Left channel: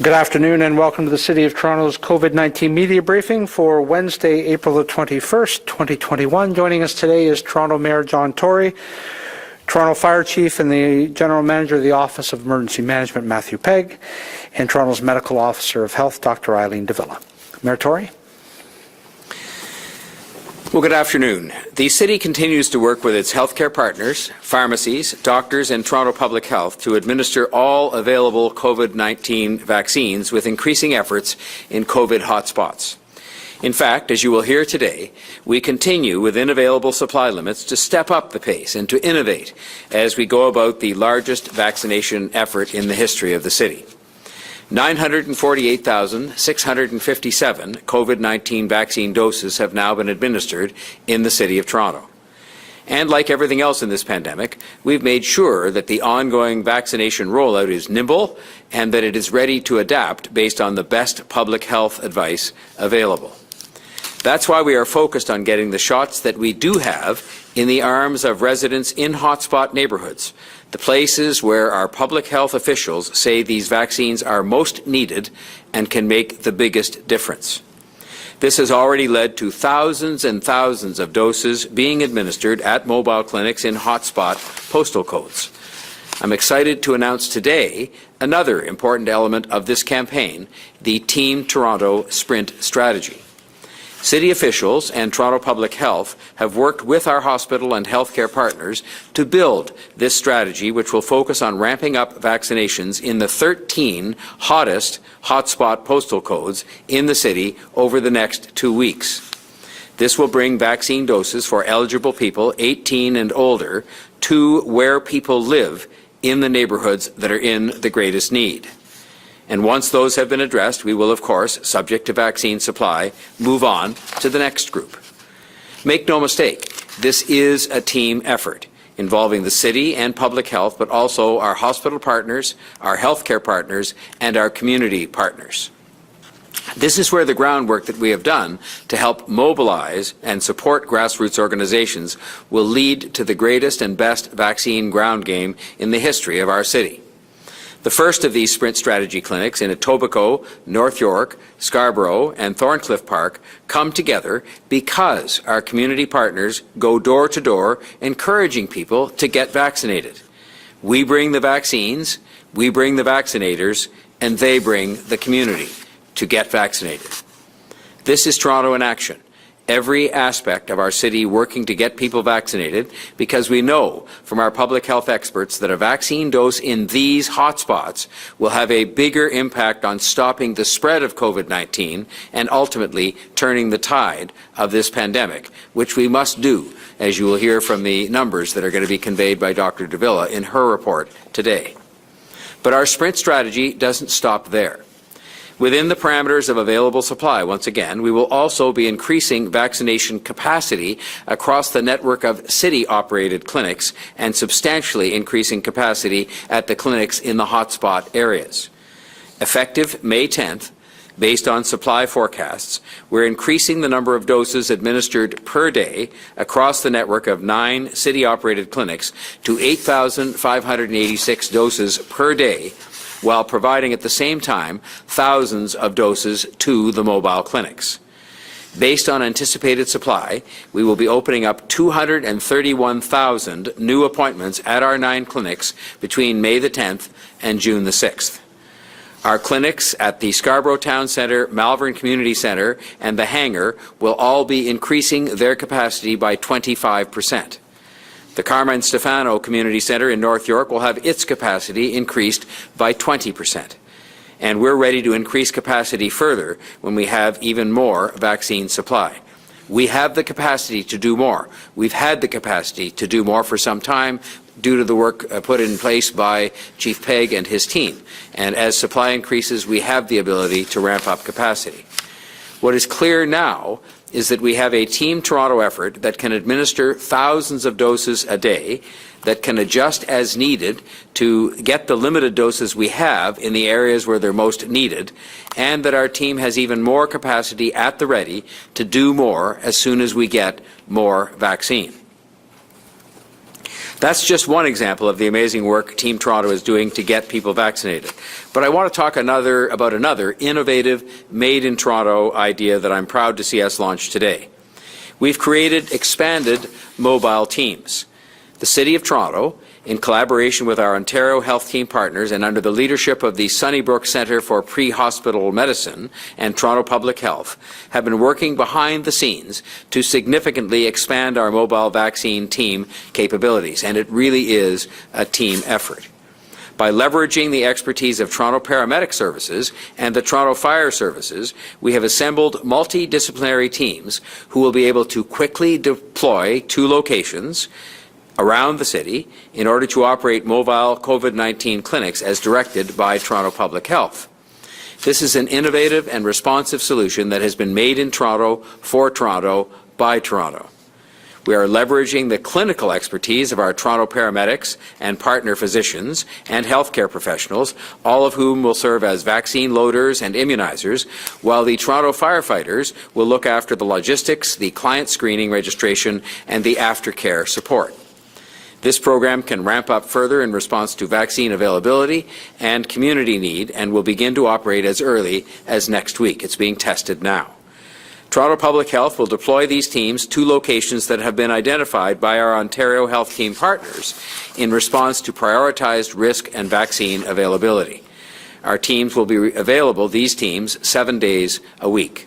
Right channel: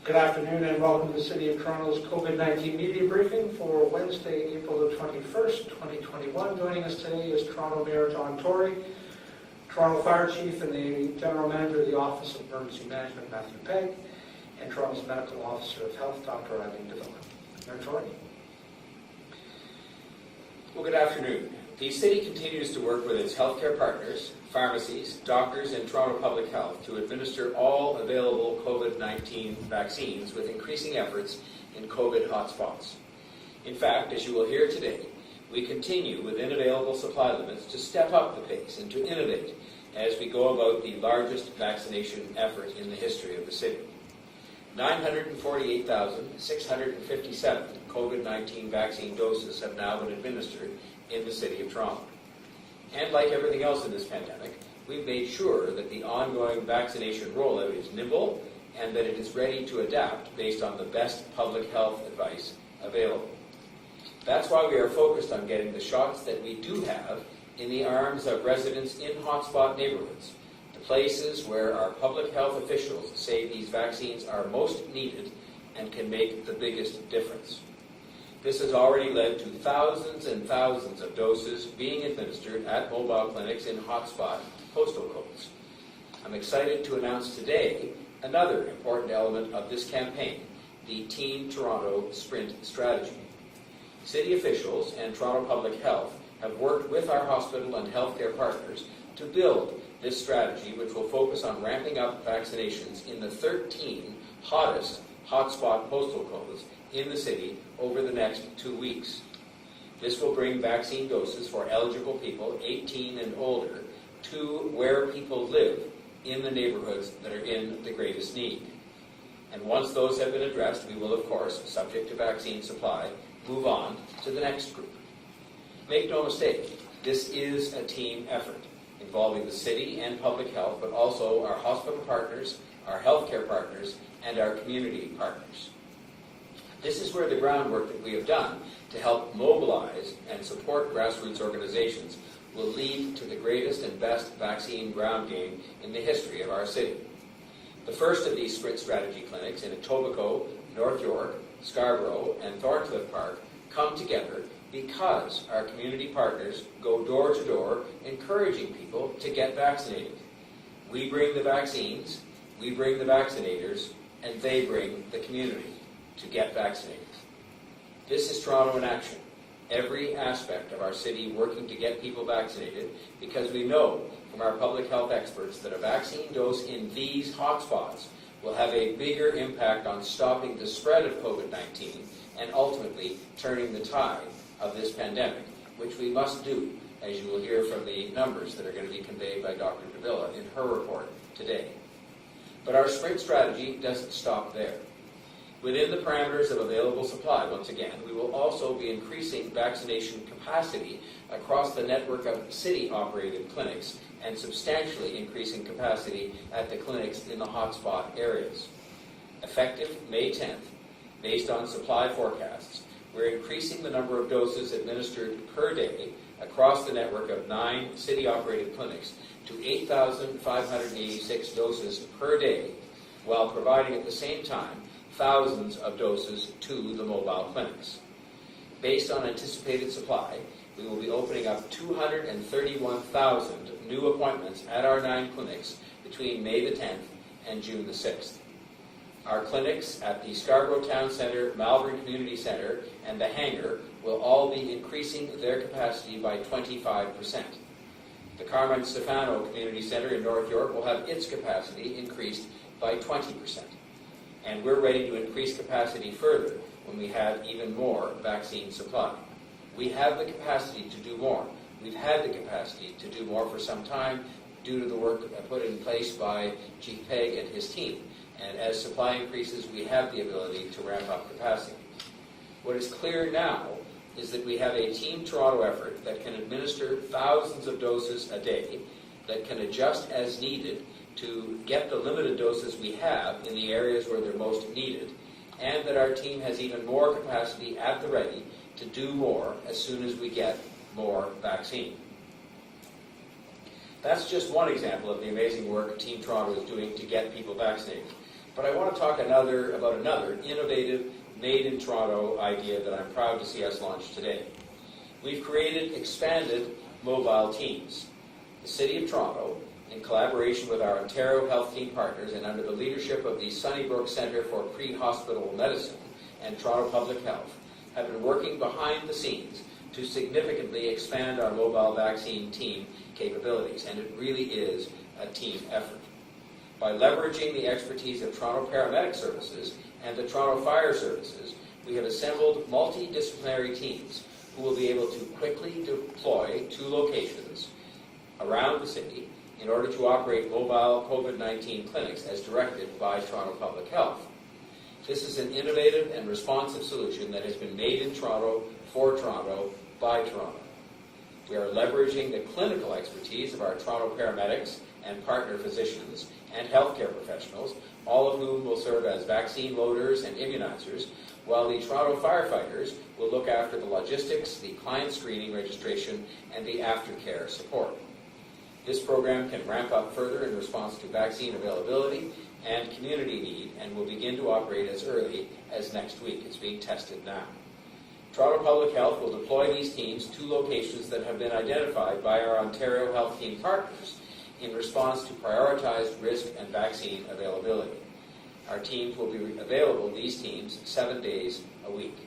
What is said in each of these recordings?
Good afternoon and welcome to the City of Toronto's COVID-19 media briefing for Wednesday, April the 21st, 2021. Joining us today is Toronto Mayor John Tory, Toronto Fire Chief and the General Manager of the Office of Emergency Management, Matthew Pegg, and Toronto's Medical Officer of Health, Dr. Eileen Davila. Mayor Tory. Well, good afternoon. The City continues to work with its healthcare partners, pharmacies, doctors and Toronto Public Health to administer all available COVID-19 vaccines with increasing efforts in COVID hotspots. In fact, as you will hear today, we continue within available supply limits to step up the pace and to innovate as we go about the largest vaccination effort in the history of the City. 948,657 COVID-19 vaccine doses have now been administered in the City of Toronto. And like everything else in this pandemic, we've made sure that the ongoing vaccination rollout is nimble and that it is ready to adapt based on the best public health advice available. That's why we are focused on getting the shots that we do have in the arms of residents in hotspot neighbourhoods, the places where our public health officials say these vaccines are most needed and can make the biggest difference. This has already led to thousands and thousands of doses being administered at mobile clinics in hotspot postal codes. I'm excited to announce today another important element of this campaign, the Team Toronto Sprint strategy. City officials and Toronto Public Health have worked with our hospital and healthcare partners to build this strategy, which will focus on ramping up vaccinations in the 13 hottest hotspot postal codes in the city over the next 2 weeks. This will bring vaccine doses for eligible people 18 and older to where people live in the neighbourhoods that are in the greatest need. And once those have been addressed, we will, of course, subject to vaccine supply, move on to the next group. Make no mistake, this is a team effort involving the city and public health, but also our hospital partners, our healthcare partners, and our community partners. This is where the groundwork that we have done to help mobilize and support grassroots organizations will lead to the greatest and best vaccine ground game in the history of our city. The first of these sprint strategy clinics in Etobicoke, North York, Scarborough and Thorncliffe Park come together because our community partners go door to door encouraging people to get vaccinated. We bring the vaccines, we bring the vaccinators, and they bring the community to get vaccinated. This is Toronto in action. Every aspect of our city working to get people vaccinated, because we know from our public health experts that a vaccine dose in these hotspots will have a bigger impact on stopping the spread of COVID-19 and ultimately turning the tide of this pandemic, which we must do, as you will hear from the numbers that are going to be conveyed by Dr. Davila in her report today. But our sprint strategy doesn't stop there. Within the parameters of available supply, once again, we will also be increasing vaccination capacity across the network of city-operated clinics and substantially increasing capacity at the clinics in the hotspot areas. Effective May 10th, based on supply forecasts, we're increasing the number of doses administered per day across the network of 9 city-operated clinics to 8,586 doses per day, while providing at the same time thousands of doses to the mobile clinics. Based on anticipated supply, we will be opening up 231,000 new appointments at our 9 clinics between May the 10th and June the 6th. Our clinics at the Scarborough Town Centre, Malvern Community Centre and the Hangar will all be increasing their capacity by 25%. The Carmine Stefano Community Centre in North York will have its capacity increased by 20%. And we're ready to increase capacity further when we have even more vaccine supply. We have the capacity to do more. We've had the capacity to do more for some time due to the work put in place by Chief Pegg and his team. And as supply increases, we have the ability to ramp up capacity. What is clear now is that we have a Team Toronto effort that can administer thousands of doses a day, that can adjust as needed to get the limited doses we have in the areas where they're most needed, and that our team has even more capacity at the ready to do more as soon as we get more vaccine. That's just one example of the amazing work Team Toronto is doing to get people vaccinated. But I want to talk about another innovative, made-in-Toronto idea that I'm proud to see us launch today. We've created expanded mobile teams. The City of Toronto, in collaboration with our Ontario Health Team partners and under the leadership of the Sunnybrook Centre for Pre-Hospital Medicine and Toronto Public Health, have been working behind the scenes to significantly expand our mobile vaccine team capabilities, and it really is a team effort. By leveraging the expertise of Toronto Paramedic Services and the Toronto Fire Services, we have assembled multidisciplinary teams who will be able to quickly deploy to locations around the city in order to operate mobile COVID-19 clinics as directed by Toronto Public Health. This is an innovative and responsive solution that has been made in Toronto, for Toronto, by Toronto. We are leveraging the clinical expertise of our Toronto paramedics and partner physicians and healthcare professionals, all of whom will serve as vaccine loaders and immunizers, while the Toronto firefighters will look after the logistics, the client screening registration, and the aftercare support. This program can ramp up further in response to vaccine availability and community need and will begin to operate as early as next week. It's being tested now. Toronto Public Health will deploy these teams to locations that have been identified by our Ontario Health Team partners in response to prioritized risk and vaccine availability. Our teams will be available, these teams, 7 days a week.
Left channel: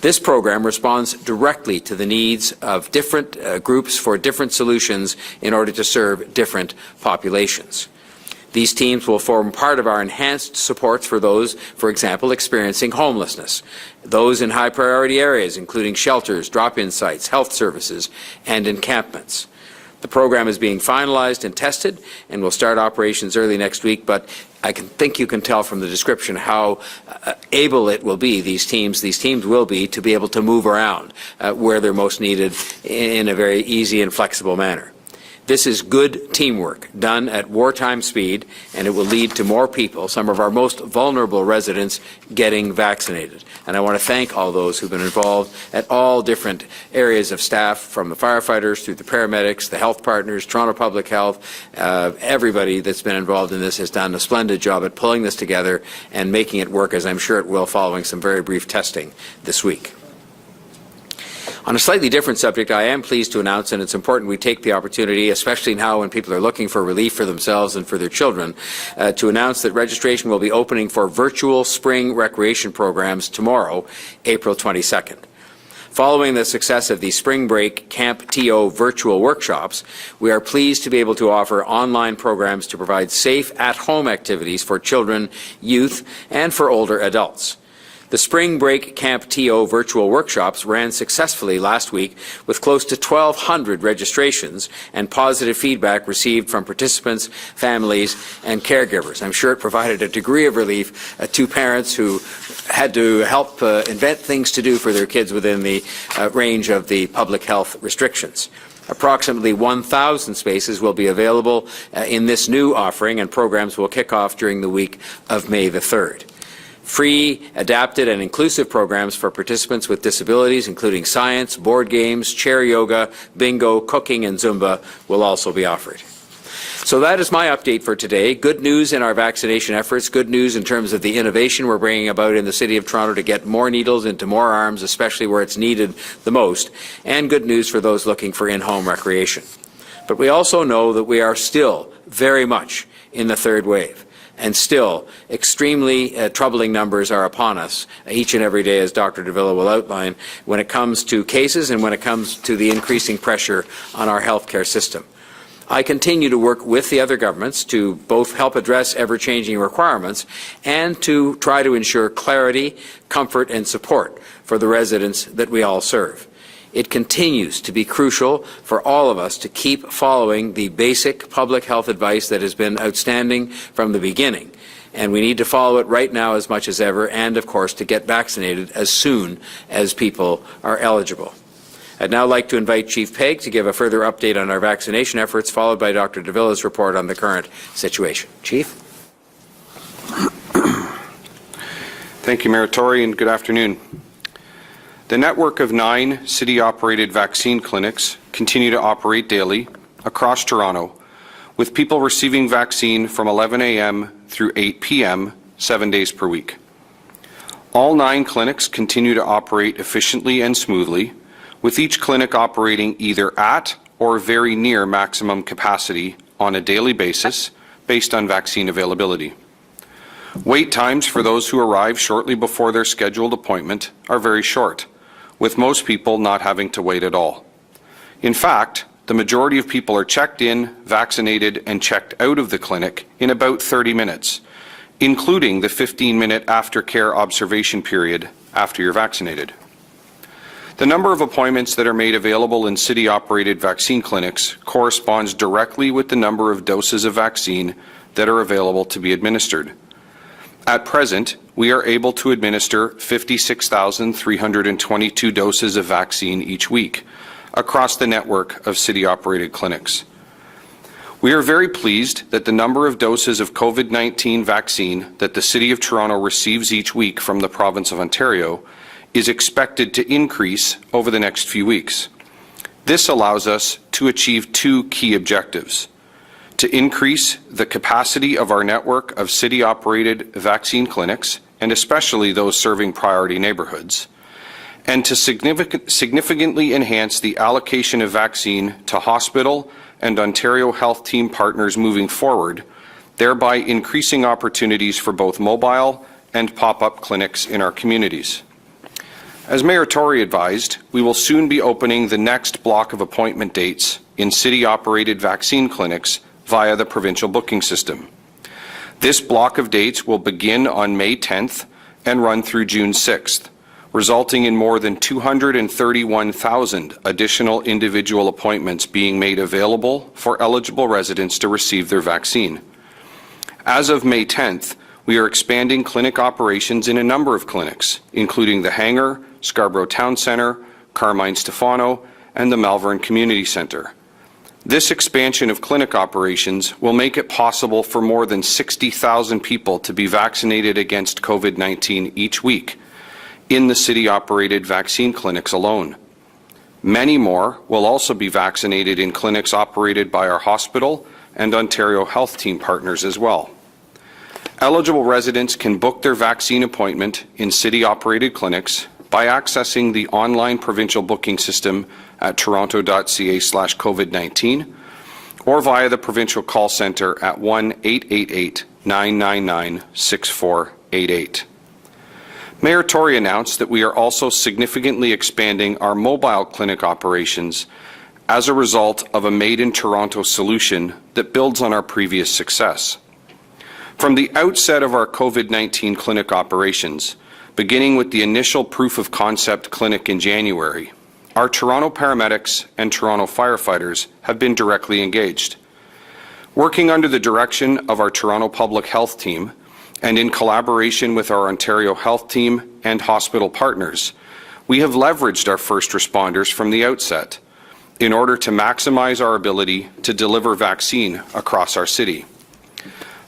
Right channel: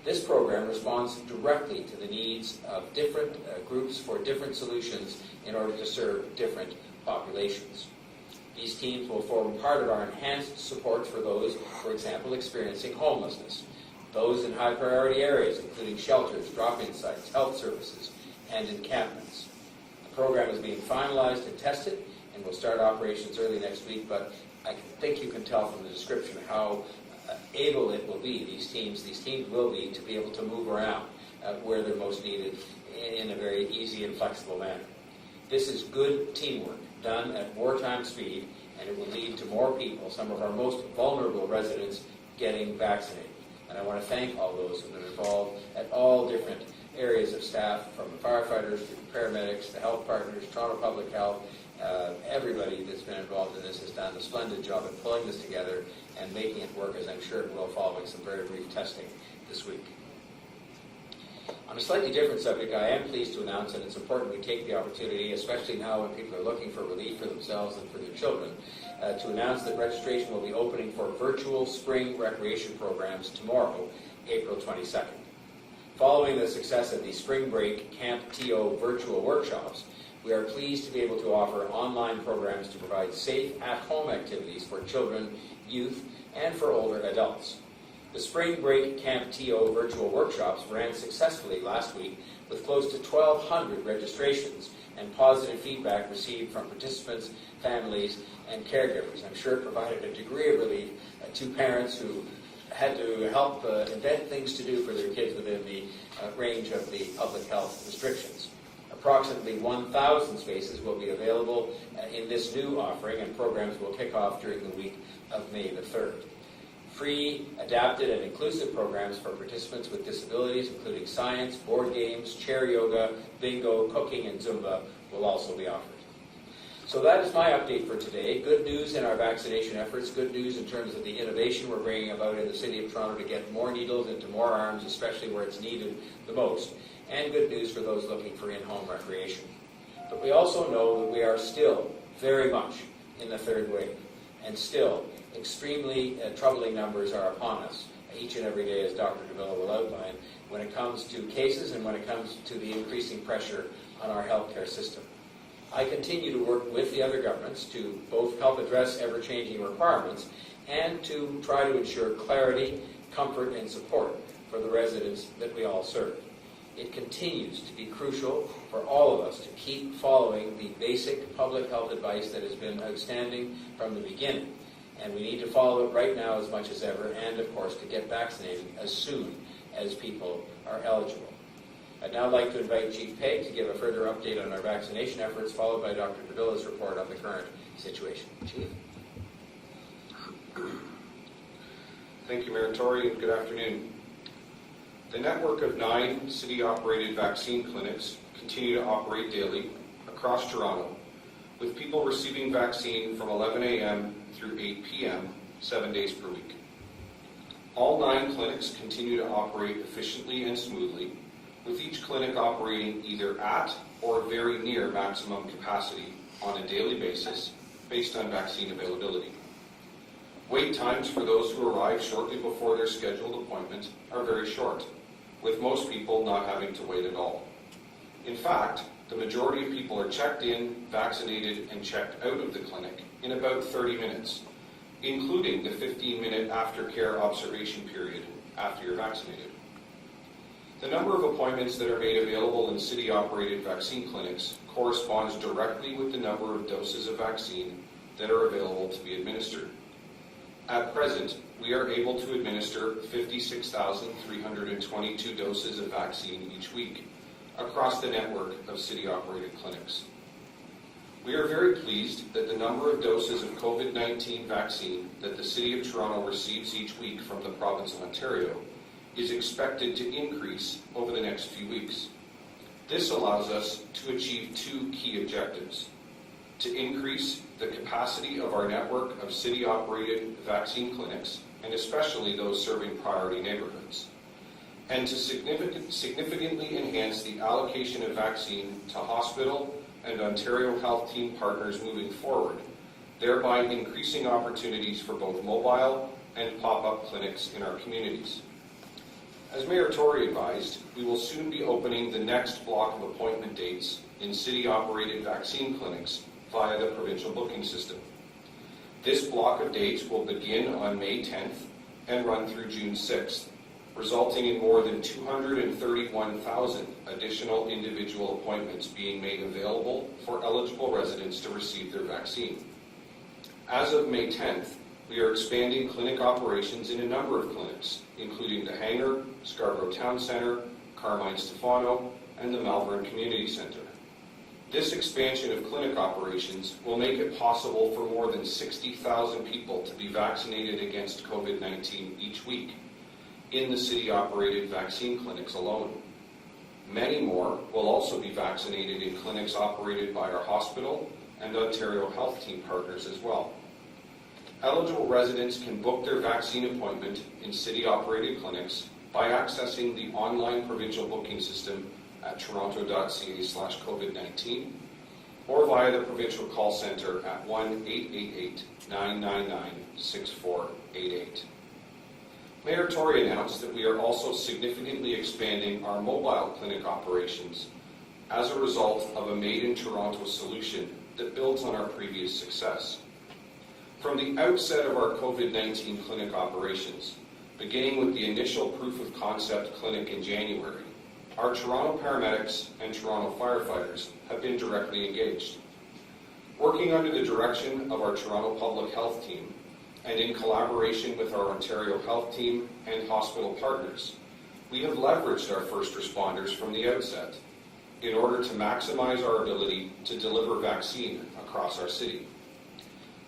This program responds directly to the needs of different groups for different solutions in order to serve different populations. These teams will form part of our enhanced supports for those, for example, experiencing homelessness, those in high priority areas, including shelters, drop-in sites, health services, and encampments. The program is being finalized and tested and will start operations early next week, but I think you can tell from the description how able it will be, these teams will be, to be able to move around where they're most needed in a very easy and flexible manner. This is good teamwork done at wartime speed, and it will lead to more people, some of our most vulnerable residents, getting vaccinated. And I want to thank all those who've been involved at all different areas of staff, from the firefighters through the paramedics, the health partners, Toronto Public Health. Everybody that's been involved in this has done a splendid job at pulling this together and making it work, as I'm sure it will, following some very brief testing this week. On a slightly different subject, I am pleased to announce, and it's important we take the opportunity, especially now when people are looking for relief for themselves and for their children, to announce that registration will be opening for virtual spring recreation programs tomorrow, April 22nd. Following the success of the Spring Break Camp TO virtual workshops, we are pleased to be able to offer online programs to provide safe at-home activities for children, youth, and for older adults. The Spring Break Camp TO virtual workshops ran successfully last week with close to 1,200 registrations and positive feedback received from participants, families, and caregivers. I'm sure it provided a degree of relief to parents who had to help invent things to do for their kids within the range of the public health restrictions. Approximately 1,000 spaces will be available in this new offering, and programs will kick off during the week of May the 3rd. Free, adapted, and inclusive programs for participants with disabilities, including science, board games, chair yoga, bingo, cooking, and Zumba, will also be offered. So that is my update for today. Good news in our vaccination efforts, good news in terms of the innovation we're bringing about in the City of Toronto to get more needles into more arms, especially where it's needed the most, and good news for those looking for in-home recreation. But we also know that we are still very much in the third wave. And still, extremely troubling numbers are upon us each and every day, as Dr. Davila will outline, when it comes to cases and when it comes to the increasing pressure on our healthcare system. I continue to work with the other governments to both help address ever-changing requirements and to try to ensure clarity, comfort, and support for the residents that we all serve. It continues to be crucial for all of us to keep following the basic public health advice that has been outstanding from the beginning. And we need to follow it right now as much as ever, and of course to get vaccinated as soon as people are eligible. I'd now like to invite Chief Pegg to give a further update on our vaccination efforts, followed by Dr. Davila's report on the current situation. Chief? Thank you, Mayor Tory, and good afternoon. The network of 9 city-operated vaccine clinics continue to operate daily across Toronto with people receiving vaccine from 11 a.m. through 8 p.m., 7 days per week. All 9 clinics continue to operate efficiently and smoothly, with each clinic operating either at or very near maximum capacity on a daily basis based on vaccine availability. Wait times for those who arrive shortly before their scheduled appointment are very short, with most people not having to wait at all. In fact, the majority of people are checked in, vaccinated, and checked out of the clinic in about 30 minutes, including the 15-minute aftercare observation period after you're vaccinated. The number of appointments that are made available in city-operated vaccine clinics corresponds directly with the number of doses of vaccine that are available to be administered. At present, we are able to administer 56,322 doses of vaccine each week across the network of city-operated clinics. We are very pleased that the number of doses of COVID-19 vaccine that the City of Toronto receives each week from the Province of Ontario is expected to increase over the next few weeks. This allows us to achieve 2 key objectives: to increase the capacity of our network of city-operated vaccine clinics, and especially those serving priority neighbourhoods, and to significantly enhance the allocation of vaccine to hospital and Ontario Health Team partners moving forward, thereby increasing opportunities for both mobile and pop-up clinics in our communities. As Mayor Tory advised, we will soon be opening the next block of appointment dates in city-operated vaccine clinics via the provincial booking system. This block of dates will begin on May 10th and run through June 6th, resulting in more than 231,000 additional individual appointments being made available for eligible residents to receive their vaccine. As of May 10th, we are expanding clinic operations in a number of clinics, including the Hangar, Scarborough Town Centre, Carmine Stefano, and the Malvern Community Centre. This expansion of clinic operations will make it possible for more than 60,000 people to be vaccinated against COVID-19 each week in the city-operated vaccine clinics alone. Many more will also be vaccinated in clinics operated by our hospital and Ontario Health Team partners as well. Eligible residents can book their vaccine appointment in city-operated clinics by accessing the online provincial booking system at toronto.ca/COVID-19 or via the provincial call centre at 1-888-999-6488. Mayor Tory announced that we are also significantly expanding our mobile clinic operations as a result of a Made in Toronto solution that builds on our previous success. From the outset of our COVID-19 clinic operations, beginning with the initial proof of concept clinic in January, our Toronto paramedics and Toronto firefighters have been directly engaged. Working under the direction of our Toronto Public Health Team and in collaboration with our Ontario Health Team and hospital partners, we have leveraged our first responders from the outset in order to maximize our ability to deliver vaccine across our city.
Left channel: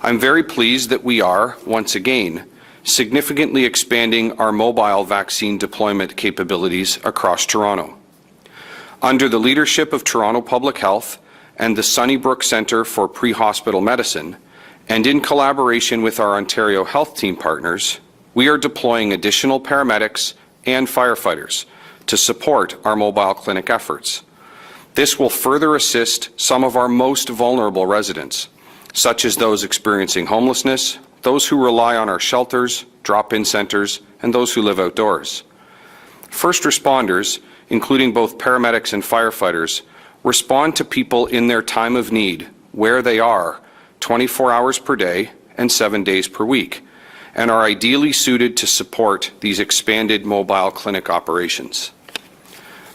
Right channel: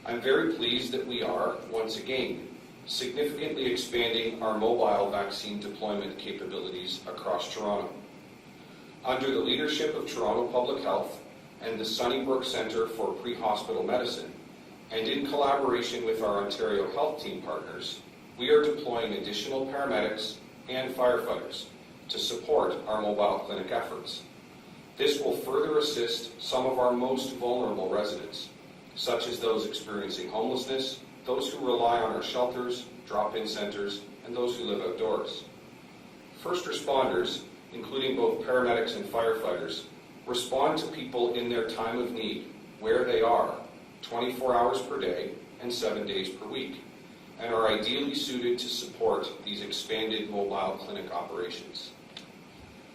I'm very pleased that we are, once again, significantly expanding our mobile vaccine deployment capabilities across Toronto. Under the leadership of Toronto Public Health and the Sunnybrook Centre for Pre-Hospital Medicine, and in collaboration with our Ontario Health Team partners, we are deploying additional paramedics and firefighters to support our mobile clinic efforts. This will further assist some of our most vulnerable residents, such as those experiencing homelessness, those who rely on our shelters, drop-in centres, and those who live outdoors. First responders, including both paramedics and firefighters, respond to people in their time of need, where they are, 24 hours per day and 7 days per week, and are ideally suited to support these expanded mobile clinic operations.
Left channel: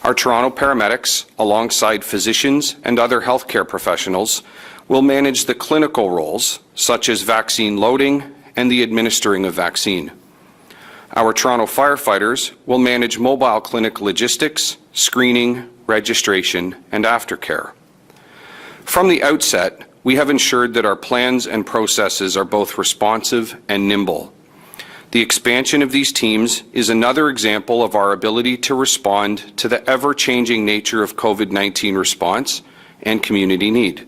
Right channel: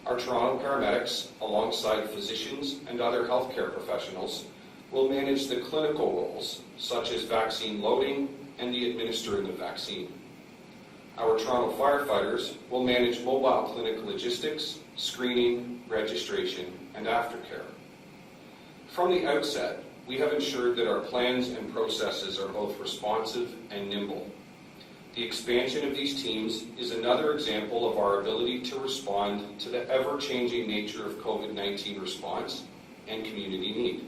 Our Toronto paramedics, alongside physicians and other healthcare professionals, will manage the clinical roles, such as vaccine loading and the administering of vaccine. Our Toronto firefighters will manage mobile clinic logistics, screening, registration, and aftercare. From the outset, we have ensured that our plans and processes are both responsive and nimble. The expansion of these teams is another example of our ability to respond to the ever-changing nature of COVID-19 response and community need.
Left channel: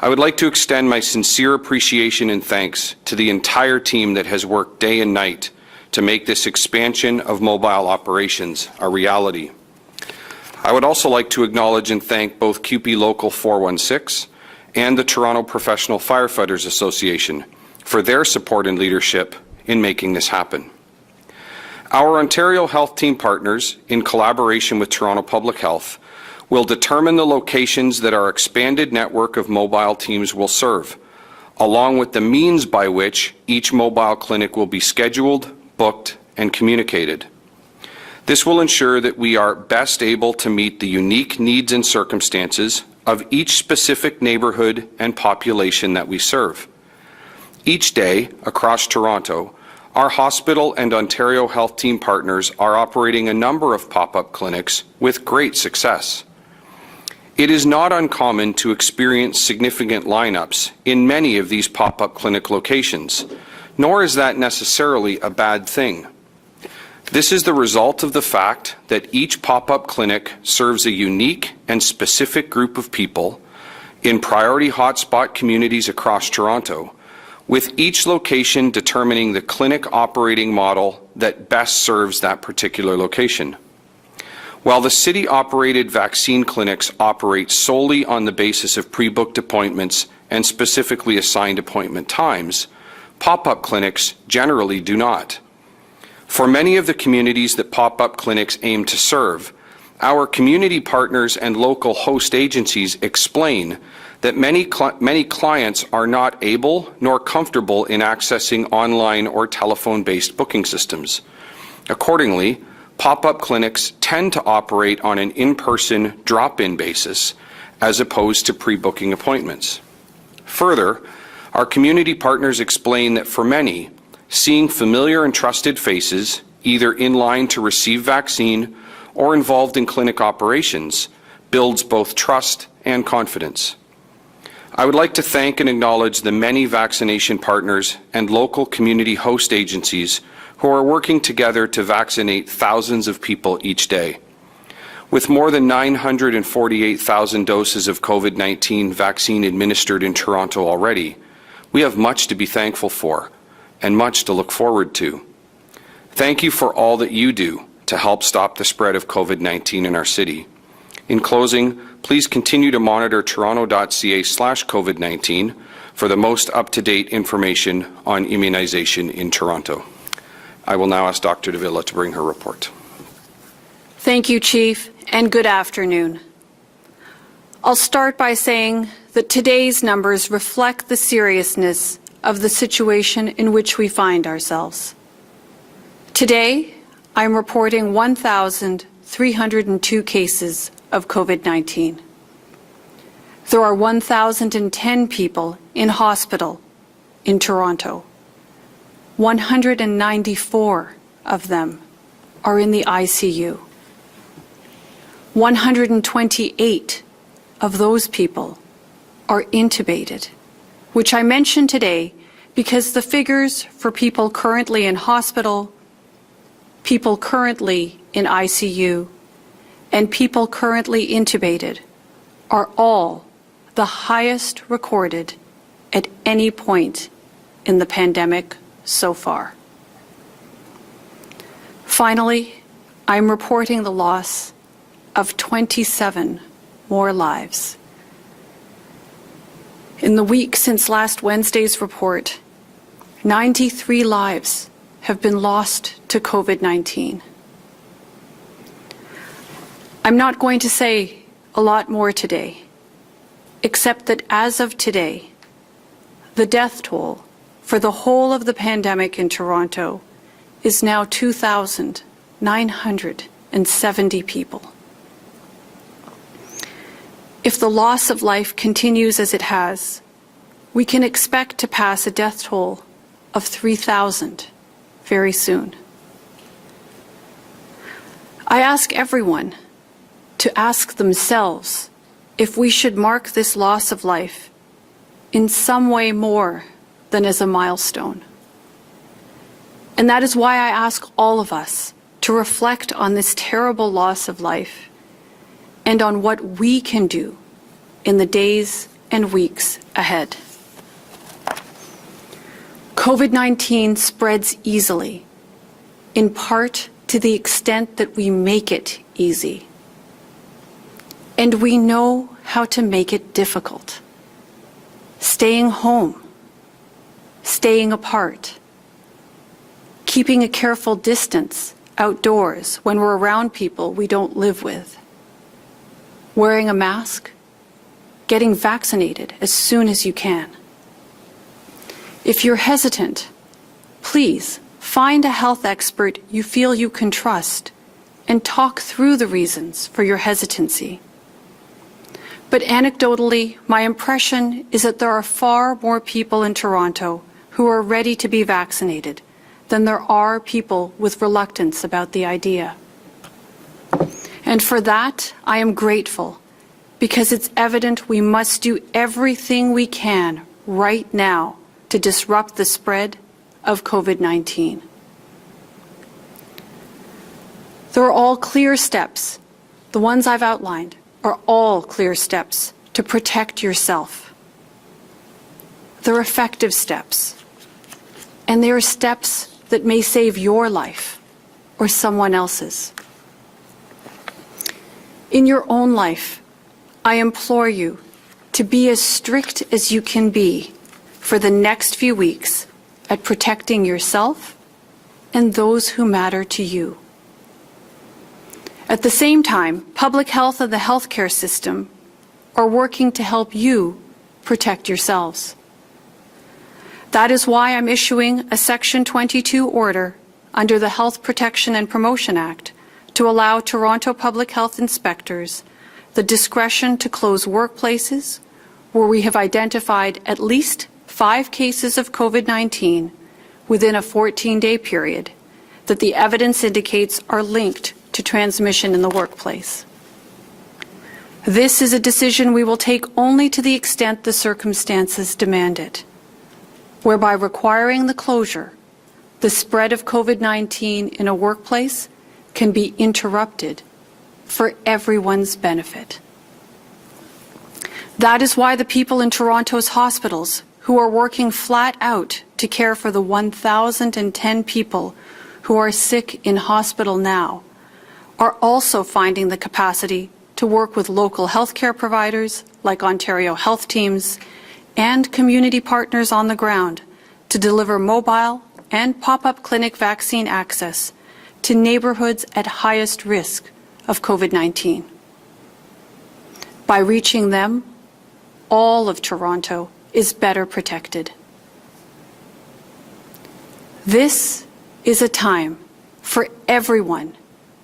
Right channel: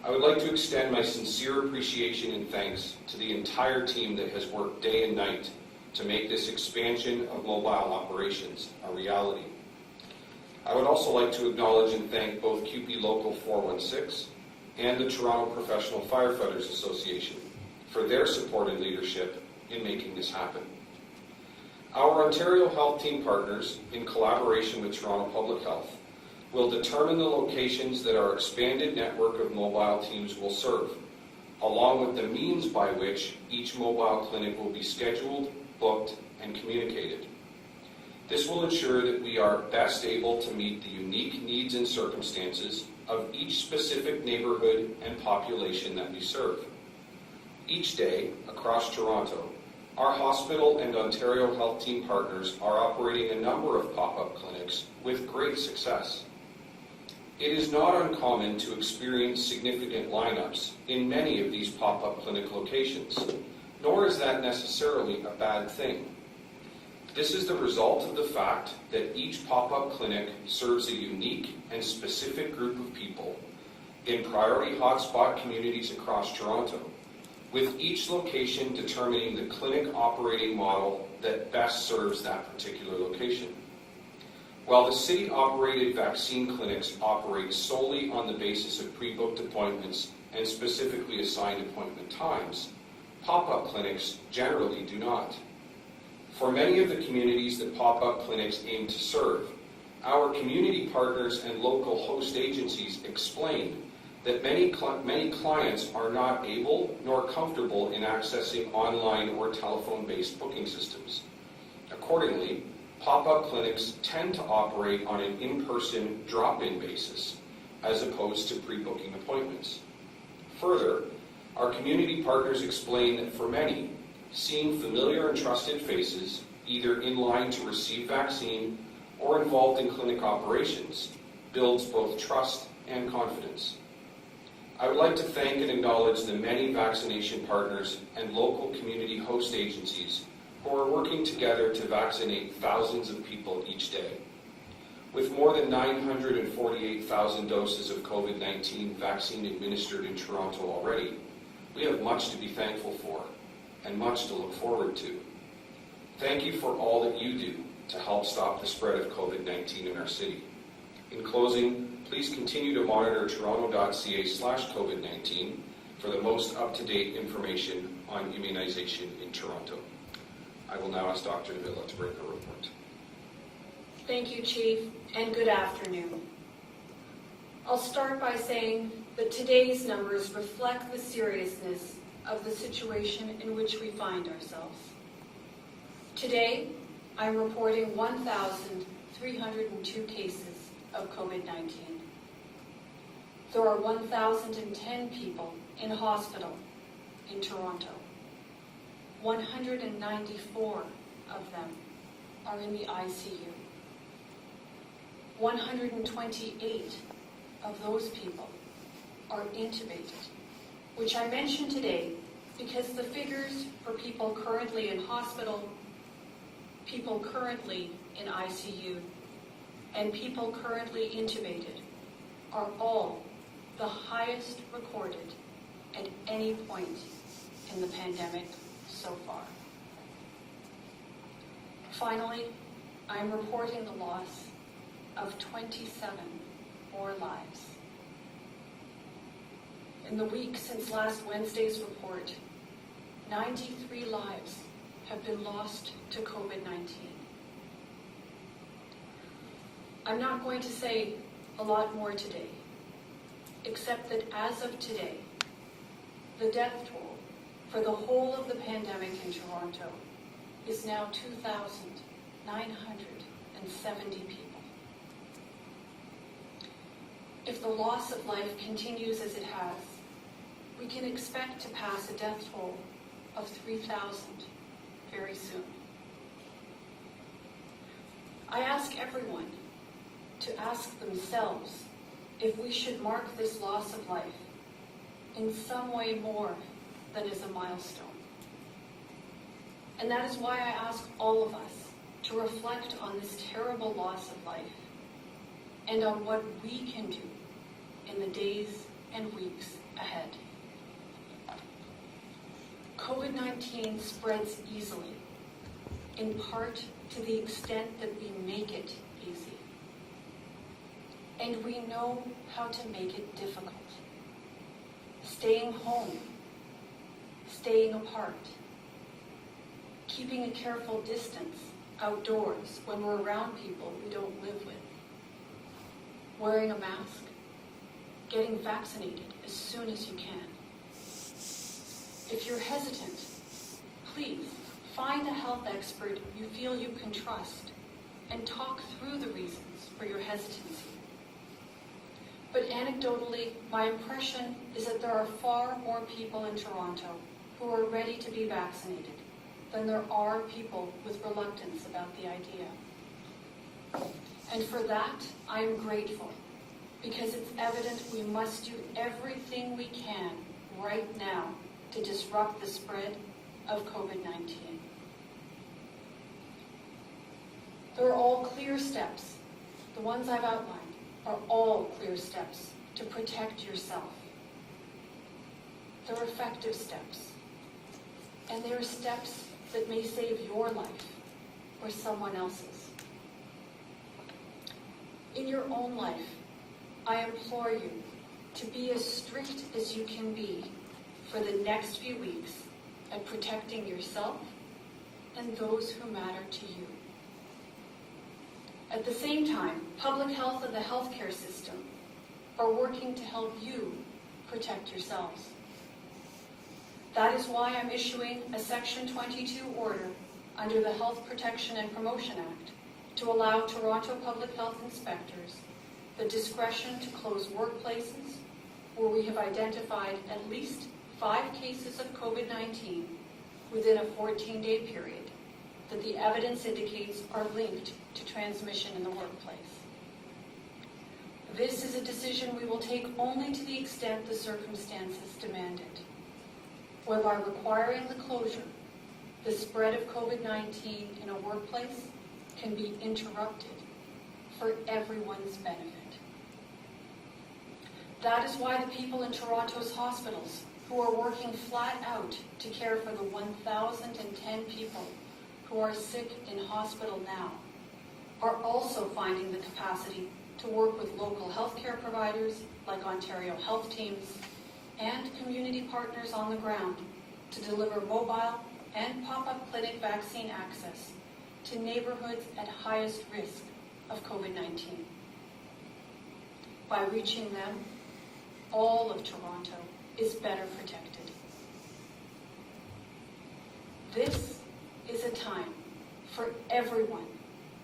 I would like to extend my sincere appreciation and thanks to the entire team that has worked day and night to make this expansion of mobile operations a reality. I would also like to acknowledge and thank both CUPE Local 416 and the Toronto Professional Firefighters Association for their support and leadership in making this happen. Our Ontario Health Team partners, in collaboration with Toronto Public Health, will determine the locations that our expanded network of mobile teams will serve, along with the means by which each mobile clinic will be scheduled, booked, and communicated. This will ensure that we are best able to meet the unique needs and circumstances of each specific neighbourhood and population that we serve. Each day, across Toronto, our hospital and Ontario Health Team partners are operating a number of pop-up clinics with great success. It is not uncommon to experience significant lineups in many of these pop-up clinic locations, nor is that necessarily a bad thing. This is the result of the fact that each pop-up clinic serves a unique and specific group of people in priority hotspot communities across Toronto, with each location determining the clinic operating model that best serves that particular location. While the city-operated vaccine clinics operate solely on the basis of pre-booked appointments and specifically assigned appointment times, pop-up clinics generally do not. For many of the communities that pop-up clinics aim to serve, our community partners and local host agencies explain that many clients are not able nor comfortable in accessing online or telephone-based booking systems. Accordingly, pop-up clinics tend to operate on an in-person drop-in basis as opposed to pre-booking appointments. Further, our community partners explain that for many, seeing familiar and trusted faces, either in line to receive vaccine or involved in clinic operations, builds both trust and confidence. I would like to thank and acknowledge the many vaccination partners and local community host agencies who are working together to vaccinate thousands of people each day. With more than 948,000 doses of COVID-19 vaccine administered in Toronto already, we have much to be thankful for and much to look forward to. Thank you for all that you do to help stop the spread of COVID-19 in our city. In closing, please continue to monitor toronto.ca/COVID-19 for the most up-to-date information on immunization in Toronto. I will now ask Dr. Davila to bring her report. Thank you, Chief, and good afternoon. I'll start by saying that today's numbers reflect the seriousness of the situation in which we find ourselves. Today, I'm reporting 1,302 cases of COVID-19. There are 1,010 people in hospital in Toronto. 194 of them are in the ICU. 128 of those people are intubated, which I mention today because the figures for people currently in hospital, people currently in ICU, and people currently intubated are all the highest recorded at any point in the pandemic so far. Finally, I'm reporting the loss of 27 more lives. In the week since last Wednesday's report, 93 lives have been lost to COVID-19. I'm not going to say a lot more today, except that as of today, the death toll for the whole of the pandemic in Toronto is now 2,970 people. If the loss of life continues as it has, we can expect to pass a death toll of 3,000 very soon. I ask everyone to ask themselves if we should mark this loss of life in some way more than as a milestone. And that is why I ask all of us to reflect on this terrible loss of life and on what we can do in the days and weeks ahead. COVID-19 spreads easily, in part to the extent that we make it easy. And we know how to make it difficult. Staying home, staying apart, keeping a careful distance outdoors when we're around people we don't live with, wearing a mask, getting vaccinated as soon as you can. If you're hesitant, please find a health expert you feel you can trust and talk through the reasons for your hesitancy. But anecdotally, my impression is that there are far more people in Toronto who are ready to be vaccinated than there are people with reluctance about the idea. And for that, I am grateful, because it's evident we must do everything we can right now to disrupt the spread of COVID-19. There are all clear steps. The ones I've outlined are all clear steps to protect yourself. They're effective steps, and they are steps that may save your life or someone else's. In your own life, I implore you to be as strict as you can be for the next few weeks at protecting yourself and those who matter to you. At the same time, public health and the healthcare system are working to help you protect yourselves. That is why I'm issuing a Section 22 order under the Health Protection and Promotion Act to allow Toronto public health inspectors the discretion to close workplaces where we have identified at least 5 cases of COVID-19 within a 14-day period that the evidence indicates are linked to transmission in the workplace. This is a decision we will take only to the extent the circumstances demand it, whereby requiring the closure, the spread of COVID-19 in a workplace can be interrupted for everyone's benefit. That is why the people in Toronto's hospitals who are working flat out to care for the 1,010 people who are sick in hospital now are also finding the capacity to work with local healthcare providers like Ontario Health Teams and community partners on the ground to deliver mobile and pop-up clinic vaccine access to neighborhoods at highest risk of COVID-19. By reaching them, all of Toronto is better protected. This is a time for everyone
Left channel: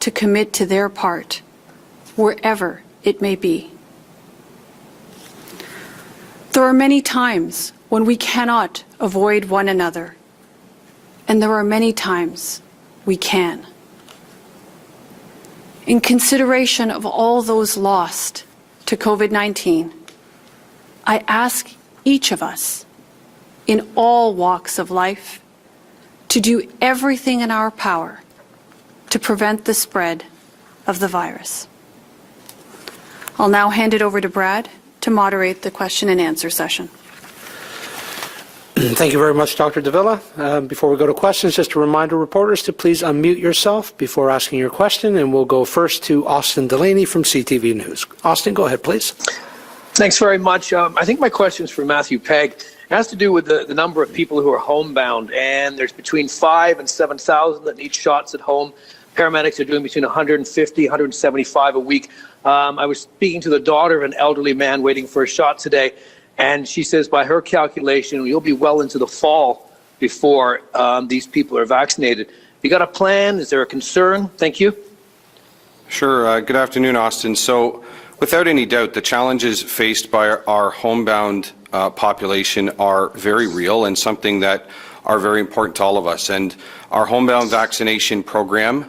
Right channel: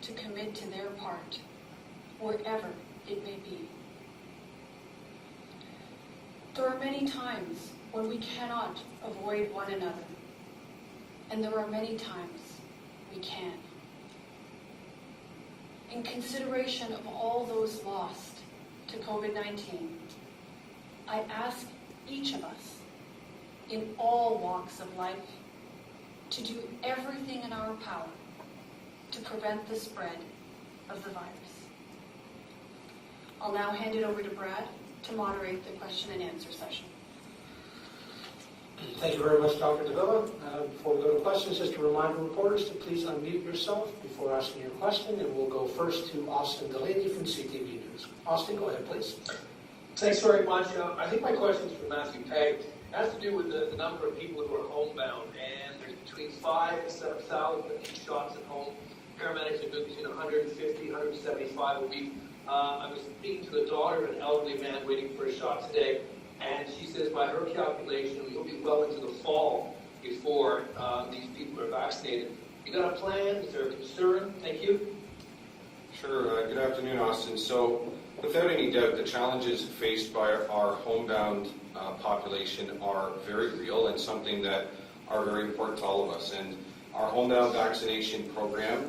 to commit to their part, wherever it may be. There are many times when we cannot avoid one another, and there are many times we can. In consideration of all those lost to COVID-19, I ask each of us in all walks of life to do everything in our power to prevent the spread of the virus. I'll now hand it over to Brad to moderate the question and answer session. Thank you very much, Dr. Davila. Before we go to questions, just a reminder, reporters, to please unmute yourself before asking your question, and we'll go first to Austin Delaney from CTV News. Austin, go ahead, please. Thanks very much. I think my question is for Matthew Pegg. It has to do with the number of people who are homebound, and there's between 5,000 and 7,000 that need shots at home. Paramedics are doing between 150, 175 a week. I was speaking to the daughter of an elderly man waiting for a shot today, and she says by her calculation, you'll be well into the fall before these people are vaccinated. You got a plan? Is there a concern? Thank you. Sure. Good afternoon, Austin. So, without any doubt, the challenges faced by our homebound population are very real and something that are very important to all of us. And our homebound vaccination program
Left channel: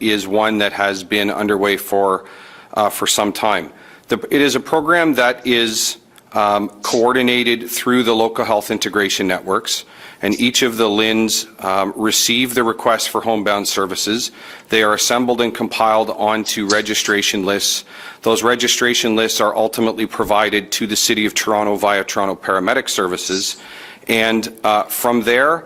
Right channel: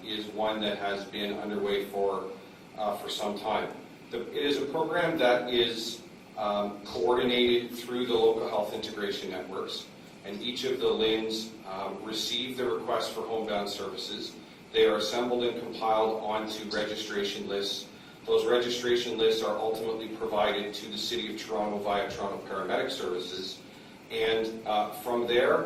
is one that has been underway for some time. It is a program that is coordinated through the local health integration networks, and each of the LHINs receive the request for homebound services. They are assembled and compiled onto registration lists. Those registration lists are ultimately provided to the City of Toronto via Toronto Paramedic Services, and from there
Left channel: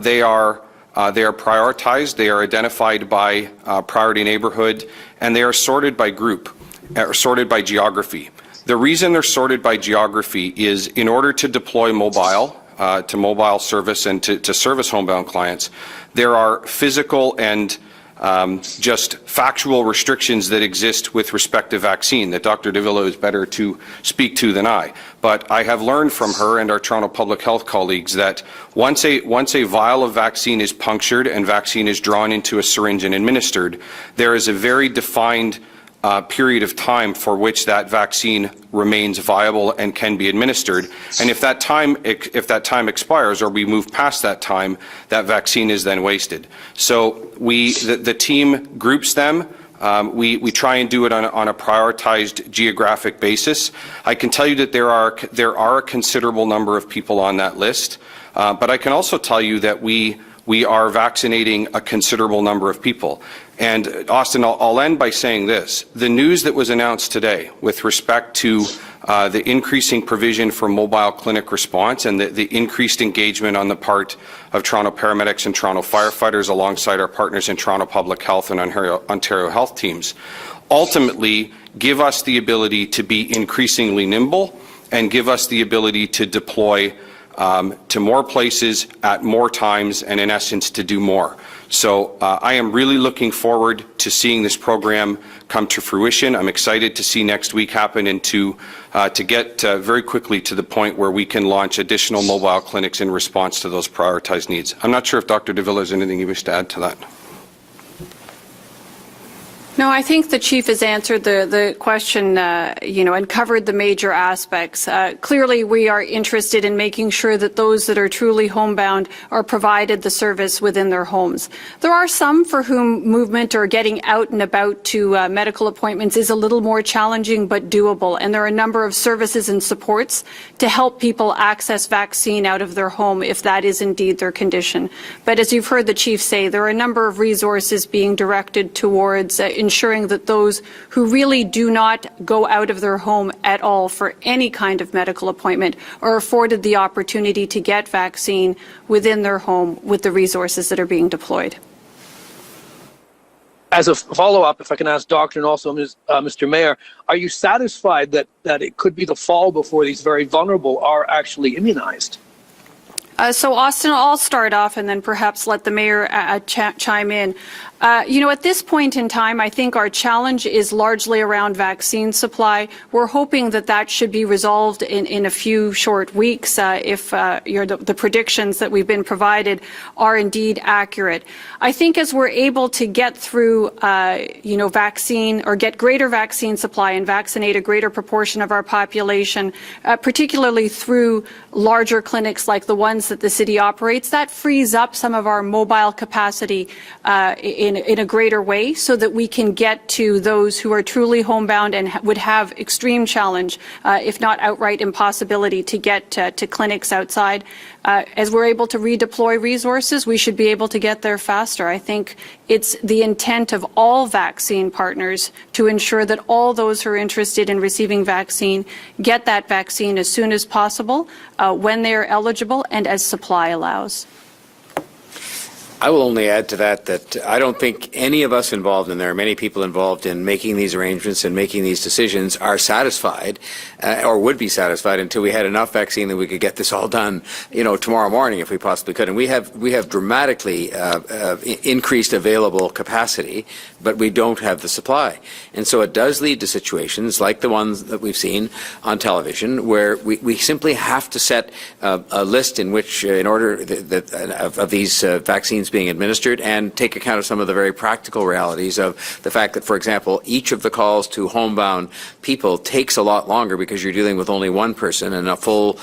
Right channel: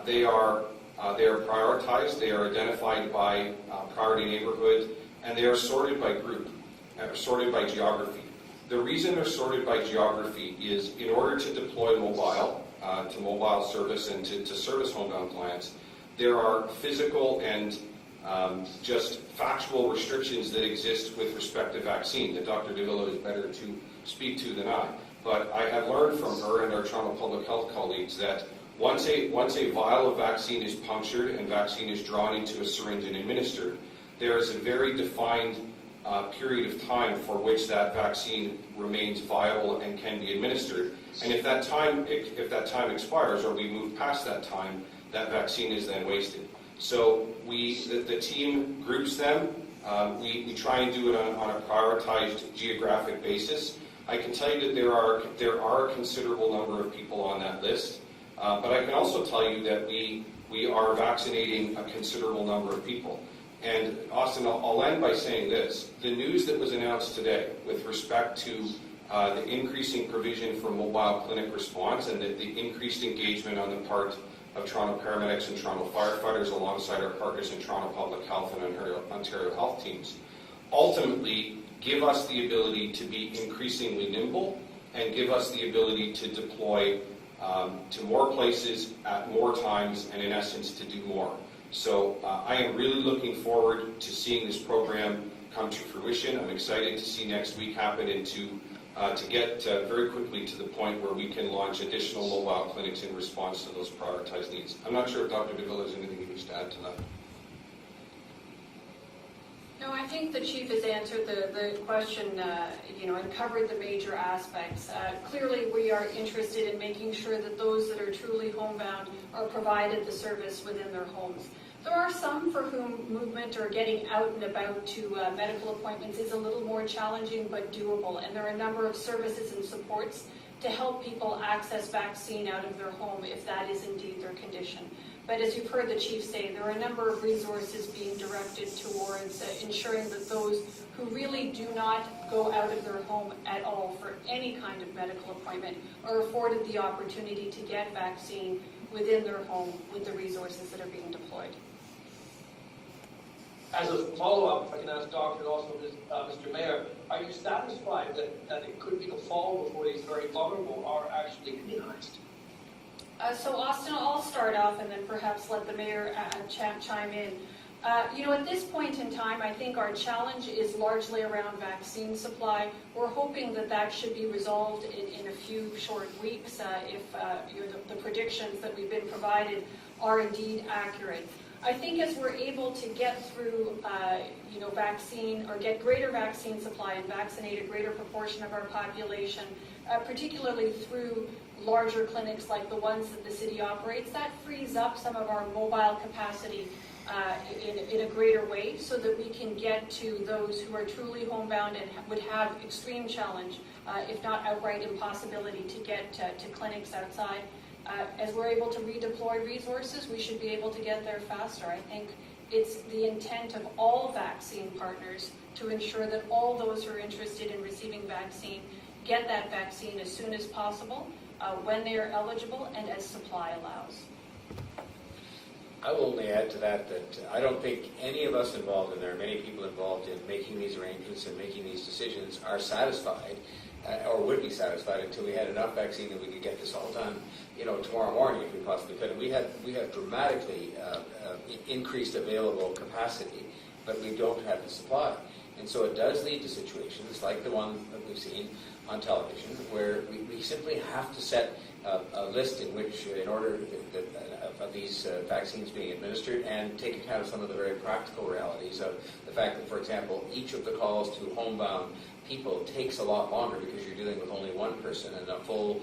they are prioritized, they are identified by priority neighborhood, and they are sorted by group, sorted by geography. The reason they're sorted by geography is in order to deploy mobile, to mobile service and to service homebound clients, there are physical and just factual restrictions that exist with respect to vaccine that Dr. Davila is better to speak to than I. But I have learned from her and our Toronto Public Health colleagues that once a vial of vaccine is punctured and vaccine is drawn into a syringe and administered, there is a very defined period of time for which that vaccine remains viable and can be administered. And if that time expires or we move past that time, that vaccine is then wasted. So the team groups them. We try and do it on a prioritized geographic basis. I can tell you that there are a considerable number of people on that list, but I can also tell you that we are vaccinating a considerable number of people. And Austin, I'll end by saying this. The news that was announced today with respect to the increasing provision for mobile clinic response and the increased engagement on the part of Toronto paramedics and Toronto firefighters alongside our partners in Toronto Public Health and Ontario Health teams ultimately give us the ability to be increasingly nimble and give us the ability to deploy to more places at more times and in essence to do more. So I am really looking forward to seeing this program come to fruition. I'm excited to see next week happen and to get very quickly to the point where we can launch additional mobile clinics in response to those prioritized needs. I'm not sure if Dr. Davila has anything you wish to add to that. No, I think the Chief has answered the question, and covered the major aspects. Clearly, we are interested in making sure that those that are truly homebound are provided the service within their homes. There are some for whom movement or getting out and about to medical appointments is a little more challenging but doable, and there are a number of services and supports to help people access vaccine out of their home if that is indeed their condition. But as you've heard the Chief say, there are a number of resources being directed towards ensuring that those who really do not go out of their home at all for any kind of medical appointment are afforded the opportunity to get vaccine within their home with the resources that are being deployed. As a follow-up, if I can ask Doctor and also Mr. Mayor, are you satisfied that it could be the fall before these very vulnerable are actually immunized? So, Austin, I'll start off and then perhaps let the Mayor chime in. At this point in time, I think our challenge is largely around vaccine supply. We're hoping that that should be resolved in a few short weeks if the predictions that we've been provided are indeed accurate. I think as we're able to get through, vaccine or get greater vaccine supply and vaccinate a greater proportion of our population, particularly through larger clinics like the ones that the city operates, that frees up some of our mobile capacity in a greater way so that we can get to those who are truly homebound and would have extreme challenge, if not outright impossibility, to get to clinics outside. As we're able to redeploy resources, we should be able to get there faster. I think it's the intent of all vaccine partners to ensure that all those who are interested in receiving vaccine get that vaccine as soon as possible, when they are eligible and as supply allows. I will only add to that I don't think any of us involved, and there are many people involved in making these arrangements and making these decisions, are satisfied or would be satisfied until we had enough vaccine that we could get this all done, tomorrow morning if we possibly could. And we have dramatically increased available capacity, but we don't have the supply. And so it does lead to situations like the ones that we've seen on television where we simply have to set a list in which, in order of these vaccines being administered and take account of some of the very practical realities of the fact that, for example, each of the calls to homebound people takes a lot longer because you're dealing with only one person, and a full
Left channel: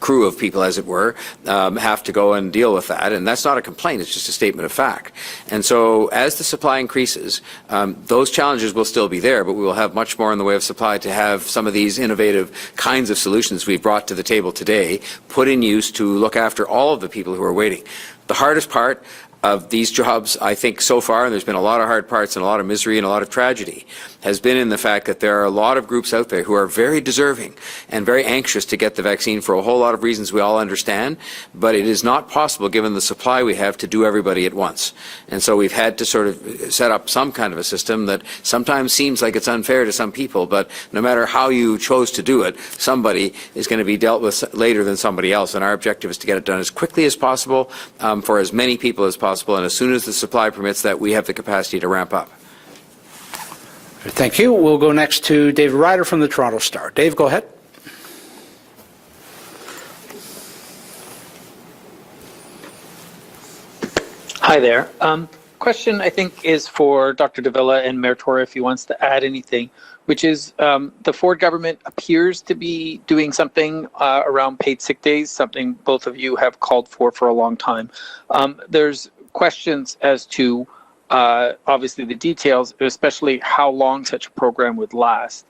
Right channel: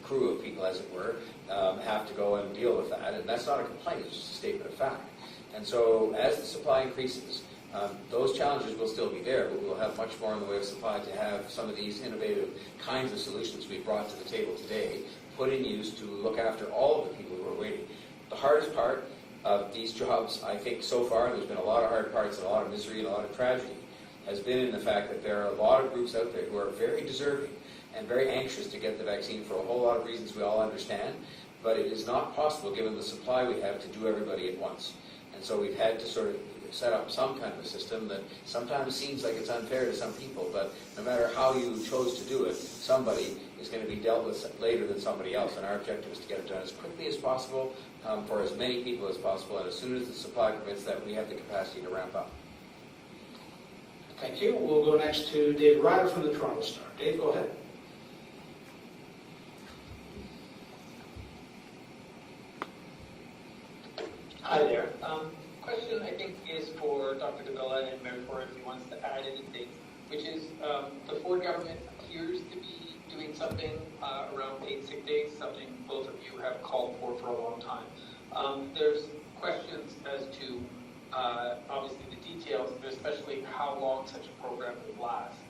crew of people, as it were, have to go and deal with that. And that's not a complaint, it's just a statement of fact. And so as the supply increases, those challenges will still be there, but we will have much more in the way of supply to have some of these innovative kinds of solutions we've brought to the table today put in use to look after all of the people who are waiting. The hardest part of these jobs, I think, so far, and there's been a lot of hard parts and a lot of misery and a lot of tragedy, has been in the fact that there are a lot of groups out there who are very deserving and very anxious to get the vaccine for a whole lot of reasons we all understand, but it is not possible, given the supply we have, to do everybody at once. And so we've had to sort of set up some kind of a system that sometimes seems like it's unfair to some people, but no matter how you chose to do it, somebody is going to be dealt with later than somebody else, and our objective is to get it done as quickly as possible for as many people as possible, and as soon as the supply permits that, we have the capacity to ramp up. Thank you. We'll go next to David Ryder from the Toronto Star. Dave, go ahead. Hi there. Question, I think, is for Dr. Davila and Mayor Tory, if he wants to add anything, which is the Ford government appears to be doing something around paid sick days, something both of you have called for a long time. There's questions as to obviously the details, but especially how long such a program would last.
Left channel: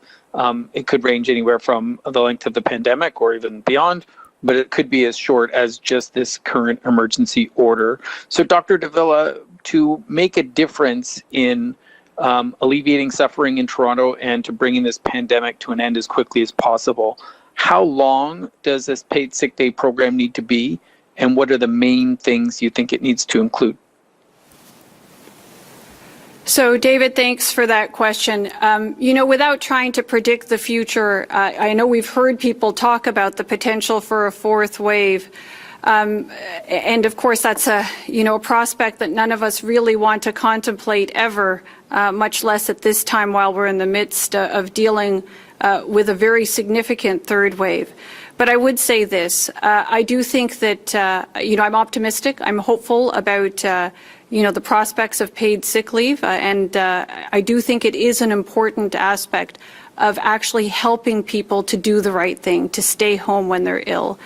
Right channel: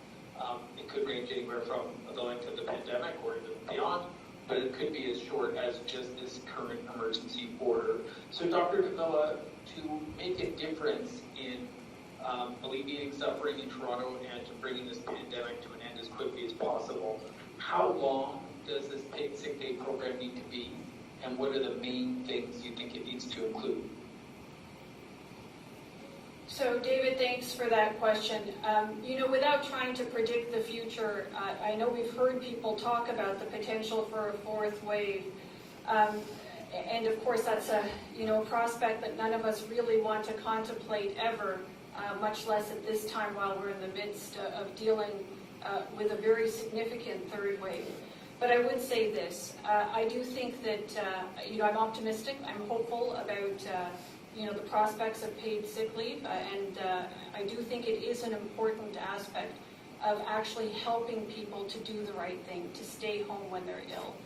It could range anywhere from the length of the pandemic or even beyond, but it could be as short as just this current emergency order. So Dr. Davila, to make a difference in alleviating suffering in Toronto and to bringing this pandemic to an end as quickly as possible, how long does this paid sick day program need to be, and what are the main things you think it needs to include? So, David, thanks for that question. Without trying to predict the future, I know we've heard people talk about the potential for a fourth wave. And of course, that's a prospect that none of us really want to contemplate ever, much less at this time while we're in the midst of dealing with a very significant third wave. But I would say this, I do think that, I'm optimistic, I'm hopeful about the prospects of paid sick leave, and I do think it is an important aspect of actually helping people to do the right thing, to stay home when they're ill.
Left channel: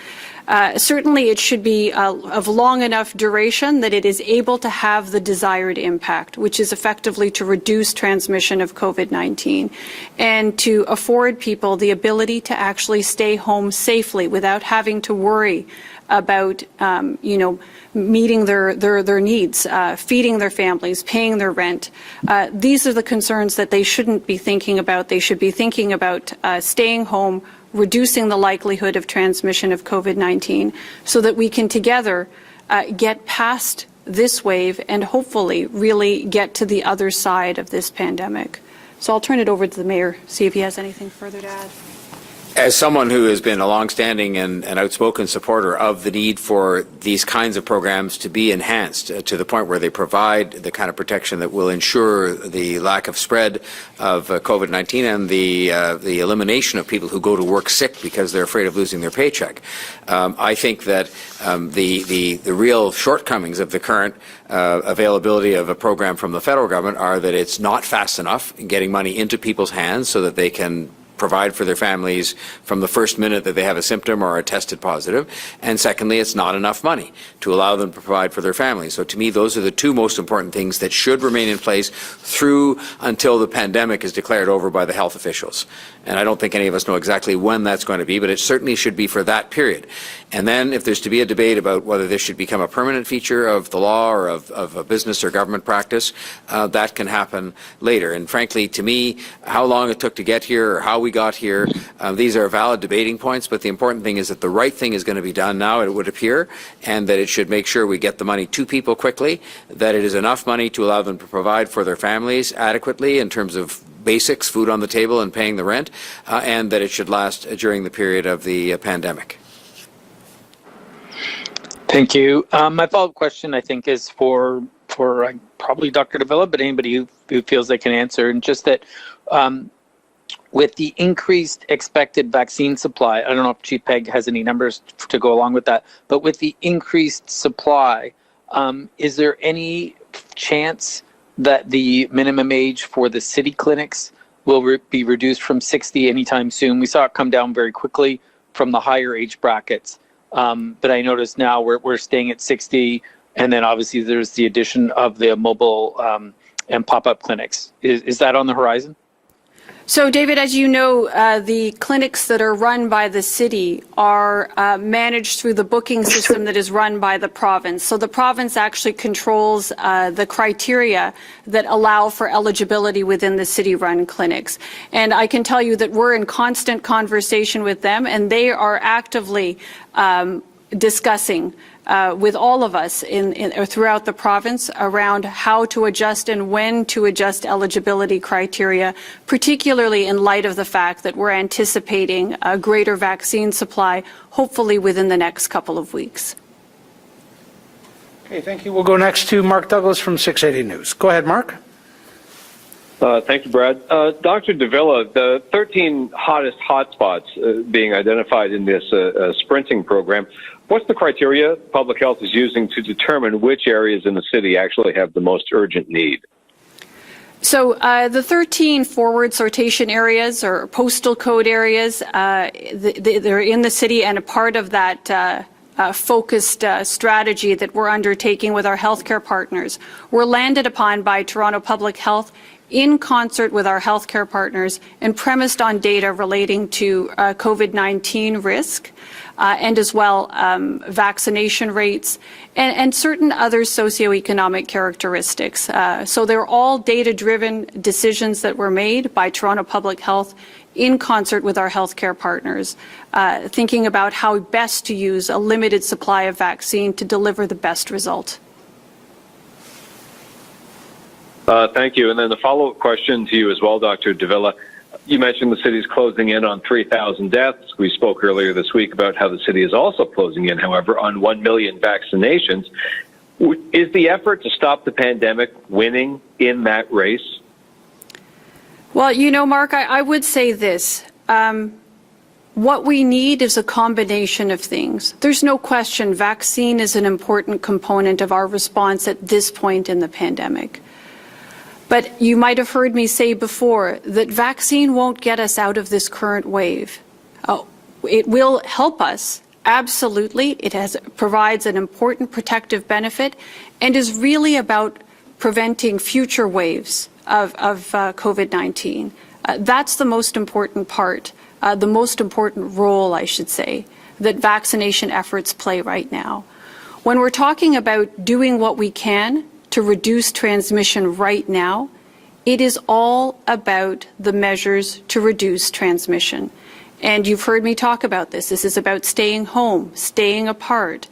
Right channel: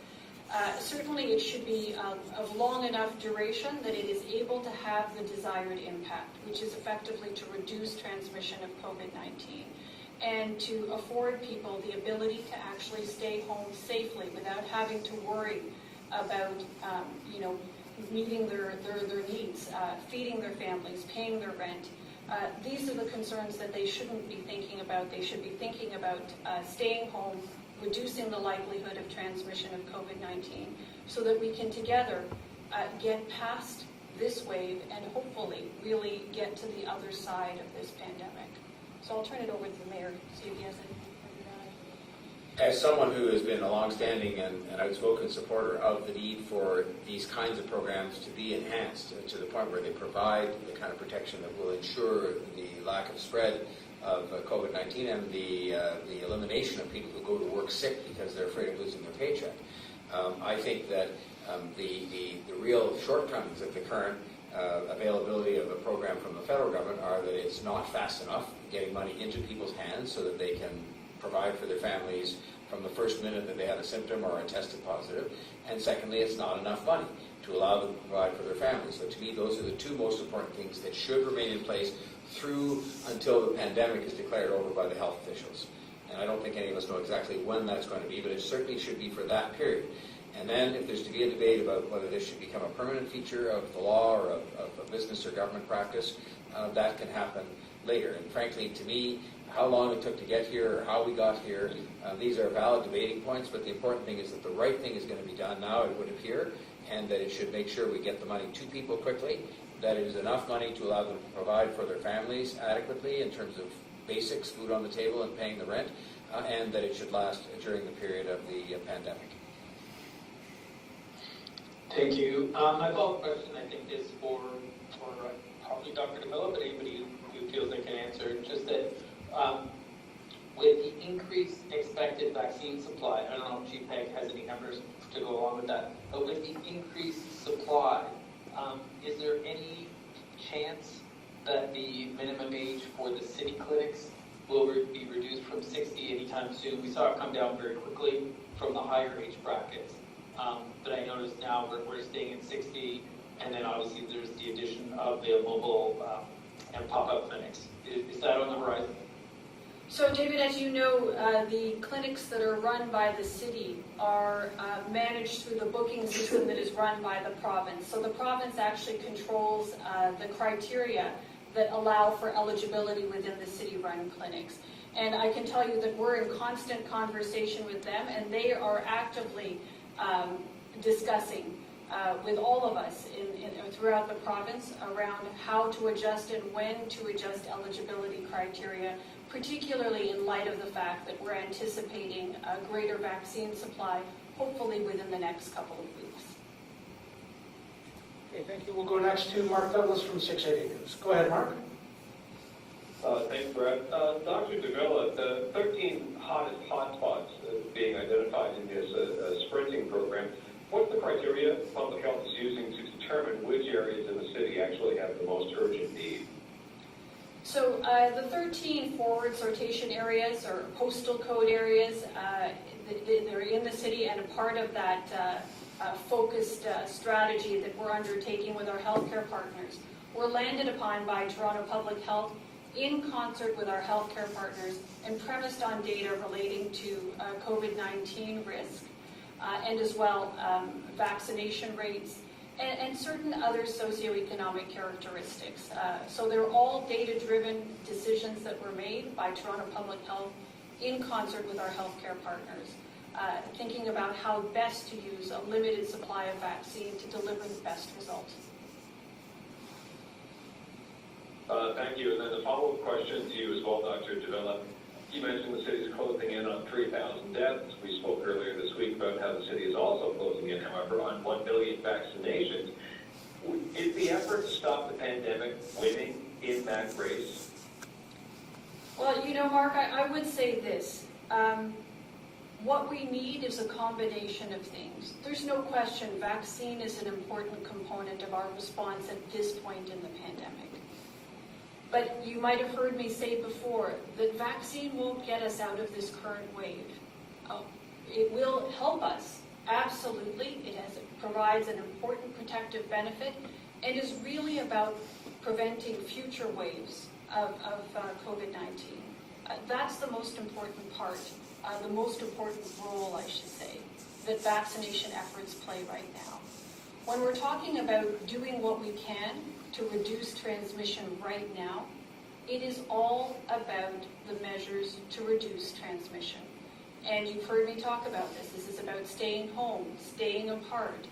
Certainly it should be of long enough duration that it is able to have the desired impact, which is effectively to reduce transmission of COVID-19 and to afford people the ability to actually stay home safely without having to worry about, meeting their needs, feeding their families, paying their rent. These are the concerns that they shouldn't be thinking about. They should be thinking about staying home, reducing the likelihood of transmission of COVID-19 so that we can together get past this wave and hopefully really get to the other side of this pandemic. So I'll turn it over to the Mayor, see if he has anything further to add. As someone who has been a longstanding and outspoken supporter of the need for these kinds of programs to be enhanced to the point where they provide the kind of protection that will ensure the lack of spread of COVID-19 and the elimination of people who go to work sick because they're afraid of losing their paycheck, I think that the real shortcomings of the current availability of a program from the federal government are that it's not fast enough in getting money into people's hands so that they can provide for their families from the first minute that they have a symptom or are tested positive. And secondly, it's not enough money to allow them to provide for their families. So to me, those are the two most important things that should remain in place through until the pandemic is declared over by the health officials. And I don't think any of us know exactly when that's going to be, but it certainly should be for that period. And then if there's to be a debate about whether this should become a permanent feature of the law or of a business or government practice, that can happen later. And frankly, to me, how long it took to get here or how we got here, these are valid debating points, but the important thing is that the right thing is going to be done now, it would appear, and that it should make sure we get the money to people quickly, that it is enough money to allow them to provide for their families adequately in terms of basics, food on the table and paying the rent, and that it should last during the period of the pandemic. Thank you. My follow-up question, I think, is for probably Dr. Davila, but anybody who feels they can answer, and just that with the increased expected vaccine supply, I don't know if Chief Pegg has any numbers to go along with that, but with the increased supply, Is there any chance that the minimum age for the city clinics will be reduced from 60 anytime soon? We saw it come down very quickly from the higher age brackets, but I noticed now we're staying at 60, and then obviously there's the addition of the mobile and pop-up clinics. Is that on the horizon? So, David, as you know, the clinics that are run by the city are managed through the booking system that is run by the province. So the province actually controls the criteria that allow for eligibility within the city-run clinics. And I can tell you that we're in constant conversation with them, and they are actively discussing with all of us throughout the province around how to adjust and when to adjust eligibility criteria, particularly in light of the fact that we're anticipating a greater vaccine supply, hopefully within the next couple of weeks. Okay, thank you. We'll go next to Mark Douglas from 680 News. Go ahead, Mark. Thank you, Brad. Dr. Davila, the 13 hottest hotspots being identified in this sprinting program, what's the criteria public health is using to determine which areas in the city actually have the most urgent need? So the 13 forward sortation areas or postal code areas, they're in the city, and a part of that focused strategy that we're undertaking with our healthcare partners were landed upon by Toronto Public Health in concert with our healthcare partners and premised on data relating to COVID-19 risk. And as well vaccination rates and certain other socioeconomic characteristics. So they're all data-driven decisions that were made by Toronto Public Health in concert with our healthcare partners, thinking about how best to use a limited supply of vaccine to deliver the best result. Thank you. And then the follow-up question to you as well, Dr. Davila. You mentioned the city's closing in on 3,000 deaths. We spoke earlier this week about how the city is also closing in, however, on 1 million vaccinations. Is the effort to stop the pandemic winning in that race? Well, you know, Mark, I would say this. What we need is a combination of things. There's no question vaccine is an important component of our response at this point in the pandemic. But you might have heard me say before that vaccine won't get us out of this current wave. It will help us, absolutely. It provides an important protective benefit and is really about preventing future waves of COVID-19. That's the most important part, the most important role, I should say, that vaccination efforts play right now. When we're talking about doing what we can to reduce transmission right now, it is all about the measures to reduce transmission. And you've heard me talk about this. This is about staying home, staying apart,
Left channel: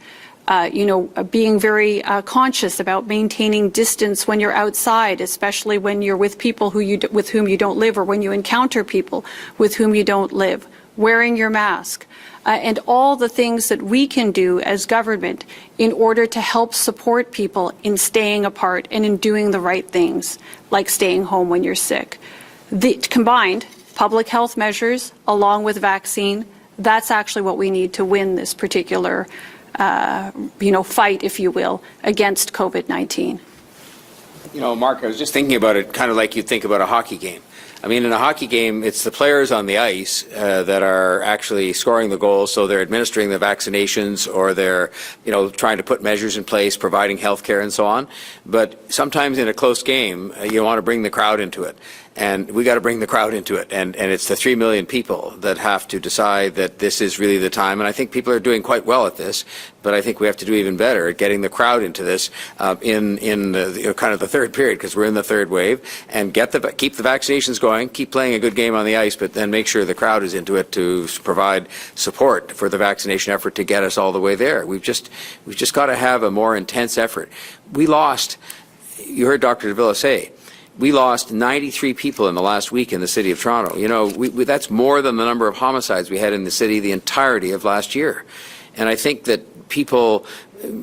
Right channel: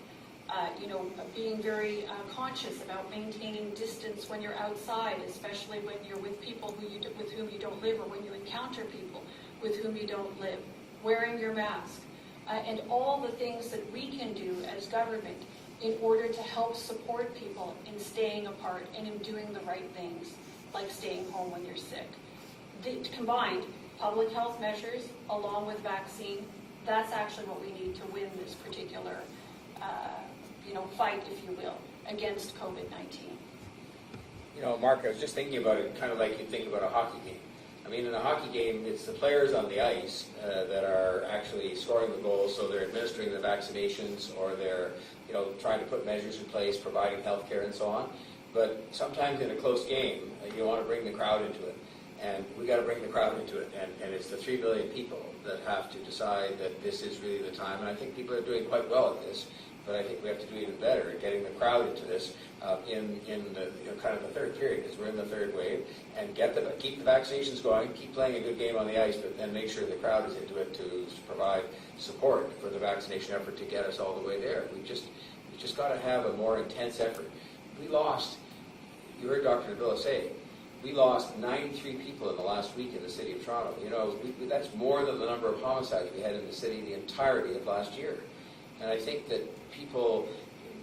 being very conscious about maintaining distance when you're outside, especially when you're with people with whom you don't live, or when you encounter people with whom you don't live, wearing your mask. And all the things that we can do as government in order to help support people in staying apart and in doing the right things, like staying home when you're sick. The combined public health measures along with vaccine, that's actually what we need to win this particular fight, if you will, against COVID-19. You know, Mark, I was just thinking about it kind of like you think about a hockey game. I mean, in a hockey game, it's the players on the ice that are actually scoring the goals, so they're administering the vaccinations, or they're, trying to put measures in place, providing health care and so on. But sometimes in a close game, you want to bring the crowd into it. And we got to bring the crowd into it. And it's the 3 million people that have to decide that this is really the time. And I think people are doing quite well at this, but I think we have to do even better at getting the crowd into this in the, kind of the third period, because we're in the third wave, and keep the vaccinations going, keep playing a good game on the ice, but then make sure the crowd is into it to provide support for the vaccination effort to get us all the way there. We've just got to have a more intense effort. We lost, you heard Dr. Davila say, we lost 93 people in the last week in the city of Toronto. That's more than the number of homicides we had in the city the entirety of last year. And I think that people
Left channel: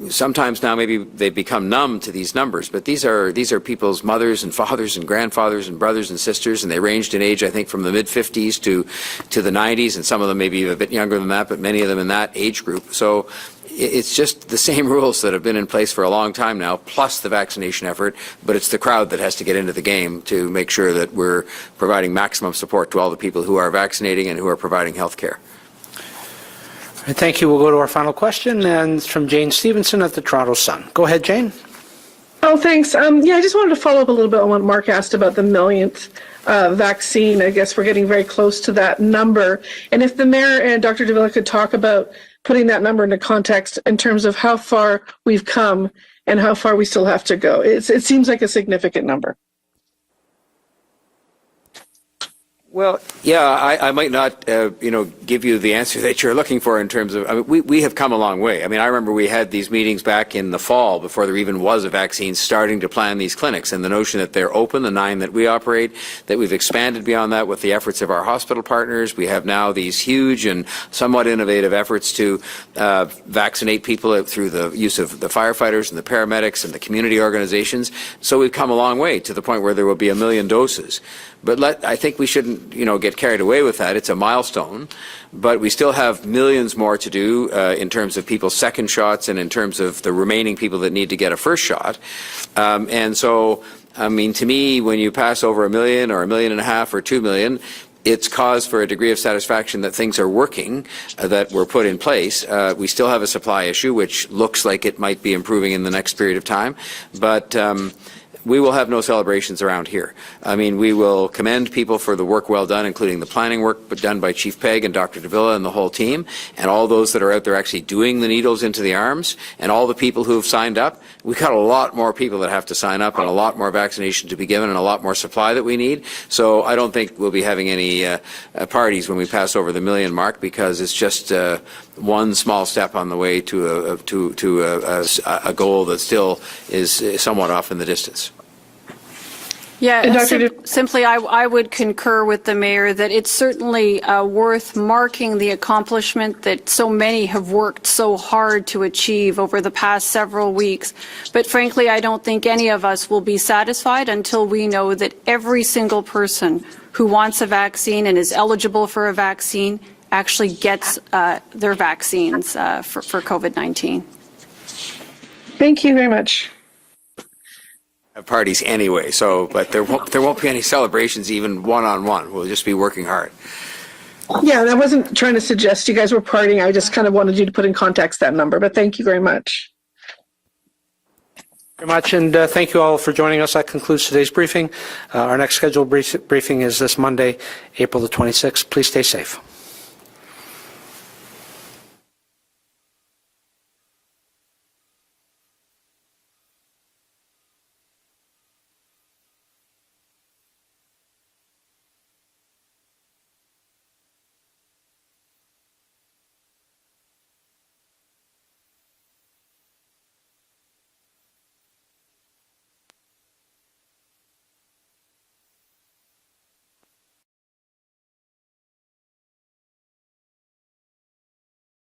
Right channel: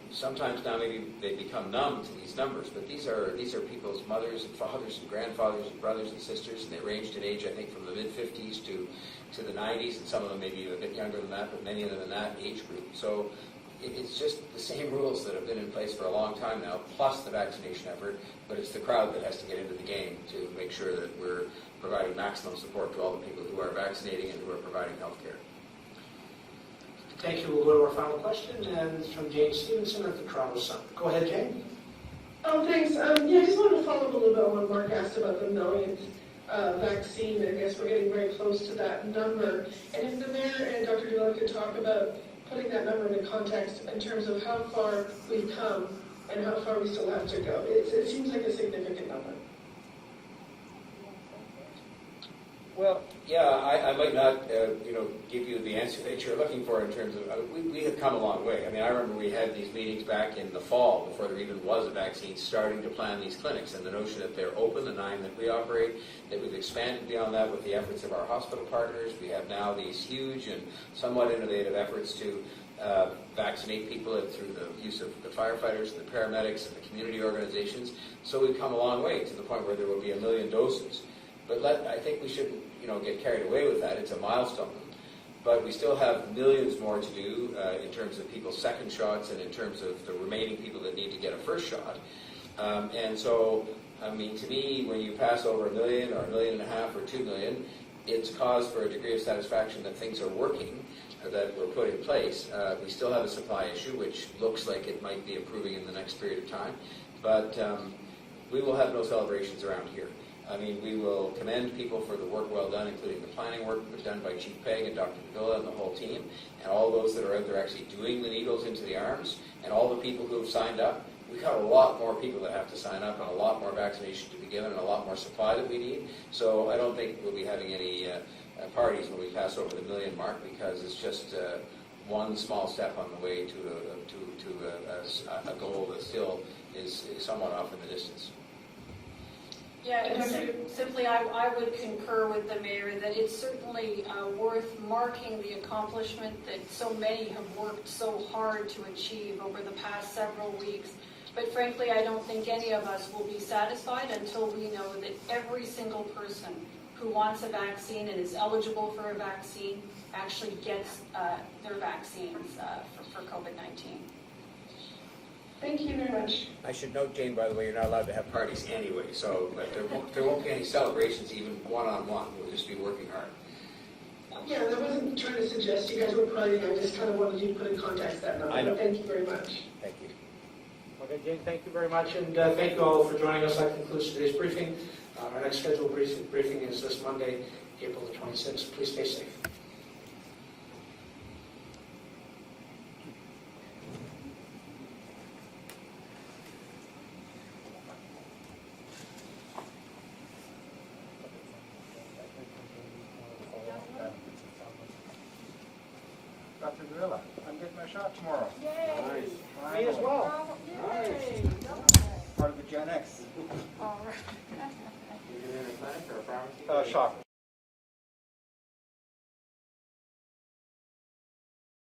sometimes now maybe they've become numb to these numbers, but these are people's mothers and fathers and grandfathers and brothers and sisters, and they ranged in age, I think, from the mid-50s to the 90s, and some of them maybe a bit younger than that, but many of them in that age group. So it's just the same rules that have been in place for a long time now, plus the vaccination effort, but it's the crowd that has to get into the game to make sure that we're providing maximum support to all the people who are vaccinating and who are providing health care. Thank you. We'll go to our final question, and it's from Jane Stevenson at the Toronto Sun. Go ahead, Jane. Oh, thanks. Yeah, I just wanted to follow up a little bit on what Mark asked about the millionth vaccine. I guess we're getting very close to that number. And if the mayor and Dr. Davila could talk about putting that number into context in terms of how far we've come and how far we still have to go. It seems like a significant number. Well, yeah, I might not, give you the answer that you're looking for in terms of, I mean, we have come a long way. I mean, I remember we had these meetings back in the fall before there even was a vaccine starting to plan these clinics, and the notion that they're open, the 9 that we operate, that we've expanded beyond that with the efforts of our hospital partners. We have now these huge and somewhat innovative efforts to vaccinate people through the use of the firefighters and the paramedics and the community organizations. So we've come a long way to the point where there will be 1 million doses. But I think we shouldn't, get carried away with that. It's a milestone, but we still have millions more to do in terms of people's second shots and in terms of the remaining people that need to get a first shot. And so, I mean, to me, when you pass over 1 million or 1.5 million or 2 million, it's cause for a degree of satisfaction that things are working, that were put in place. We still have a supply issue, which looks like it might be improving in the next period of time, but we will have no celebrations around here. I mean, we will commend people for the work well done, including the planning work done by Chief Pegg and Dr. Davila and the whole team, and all those that are out there actually doing the needles into the arms, and all the people who have signed up. We've got a lot more people that have to sign up and a lot more vaccination to be given and a lot more supply that we need. So I don't think we'll be having any parties when we pass over the 1 million mark, because it's just one small step on the way to a goal that still is somewhat off in the distance. Yeah, And simply I would concur with the mayor that it's certainly worth marking the accomplishment that so many have worked so hard to achieve over the past several weeks. But frankly, I don't think any of us will be satisfied until we know that every single person who wants a vaccine and is eligible for a vaccine actually gets their vaccines for COVID-19. Thank you very much. I should note, Jane, by the way, you're not allowed to have parties anyway, so, but there won't be any celebrations even one-on-one. We'll just be working hard. Yeah, I wasn't trying to suggest you guys were partying. I just kind of wanted you to put in context that number, but thank you very much. Okay, Jane, thank you very much, and thank you all for joining us. That concludes today's briefing. Our next scheduled briefing is this Monday, April the 26th. Please stay safe. Dr. Davila, I'm getting my shot tomorrow. Yay. Nice. Me as well. Yay. Part of the Gen X. All right. Shot.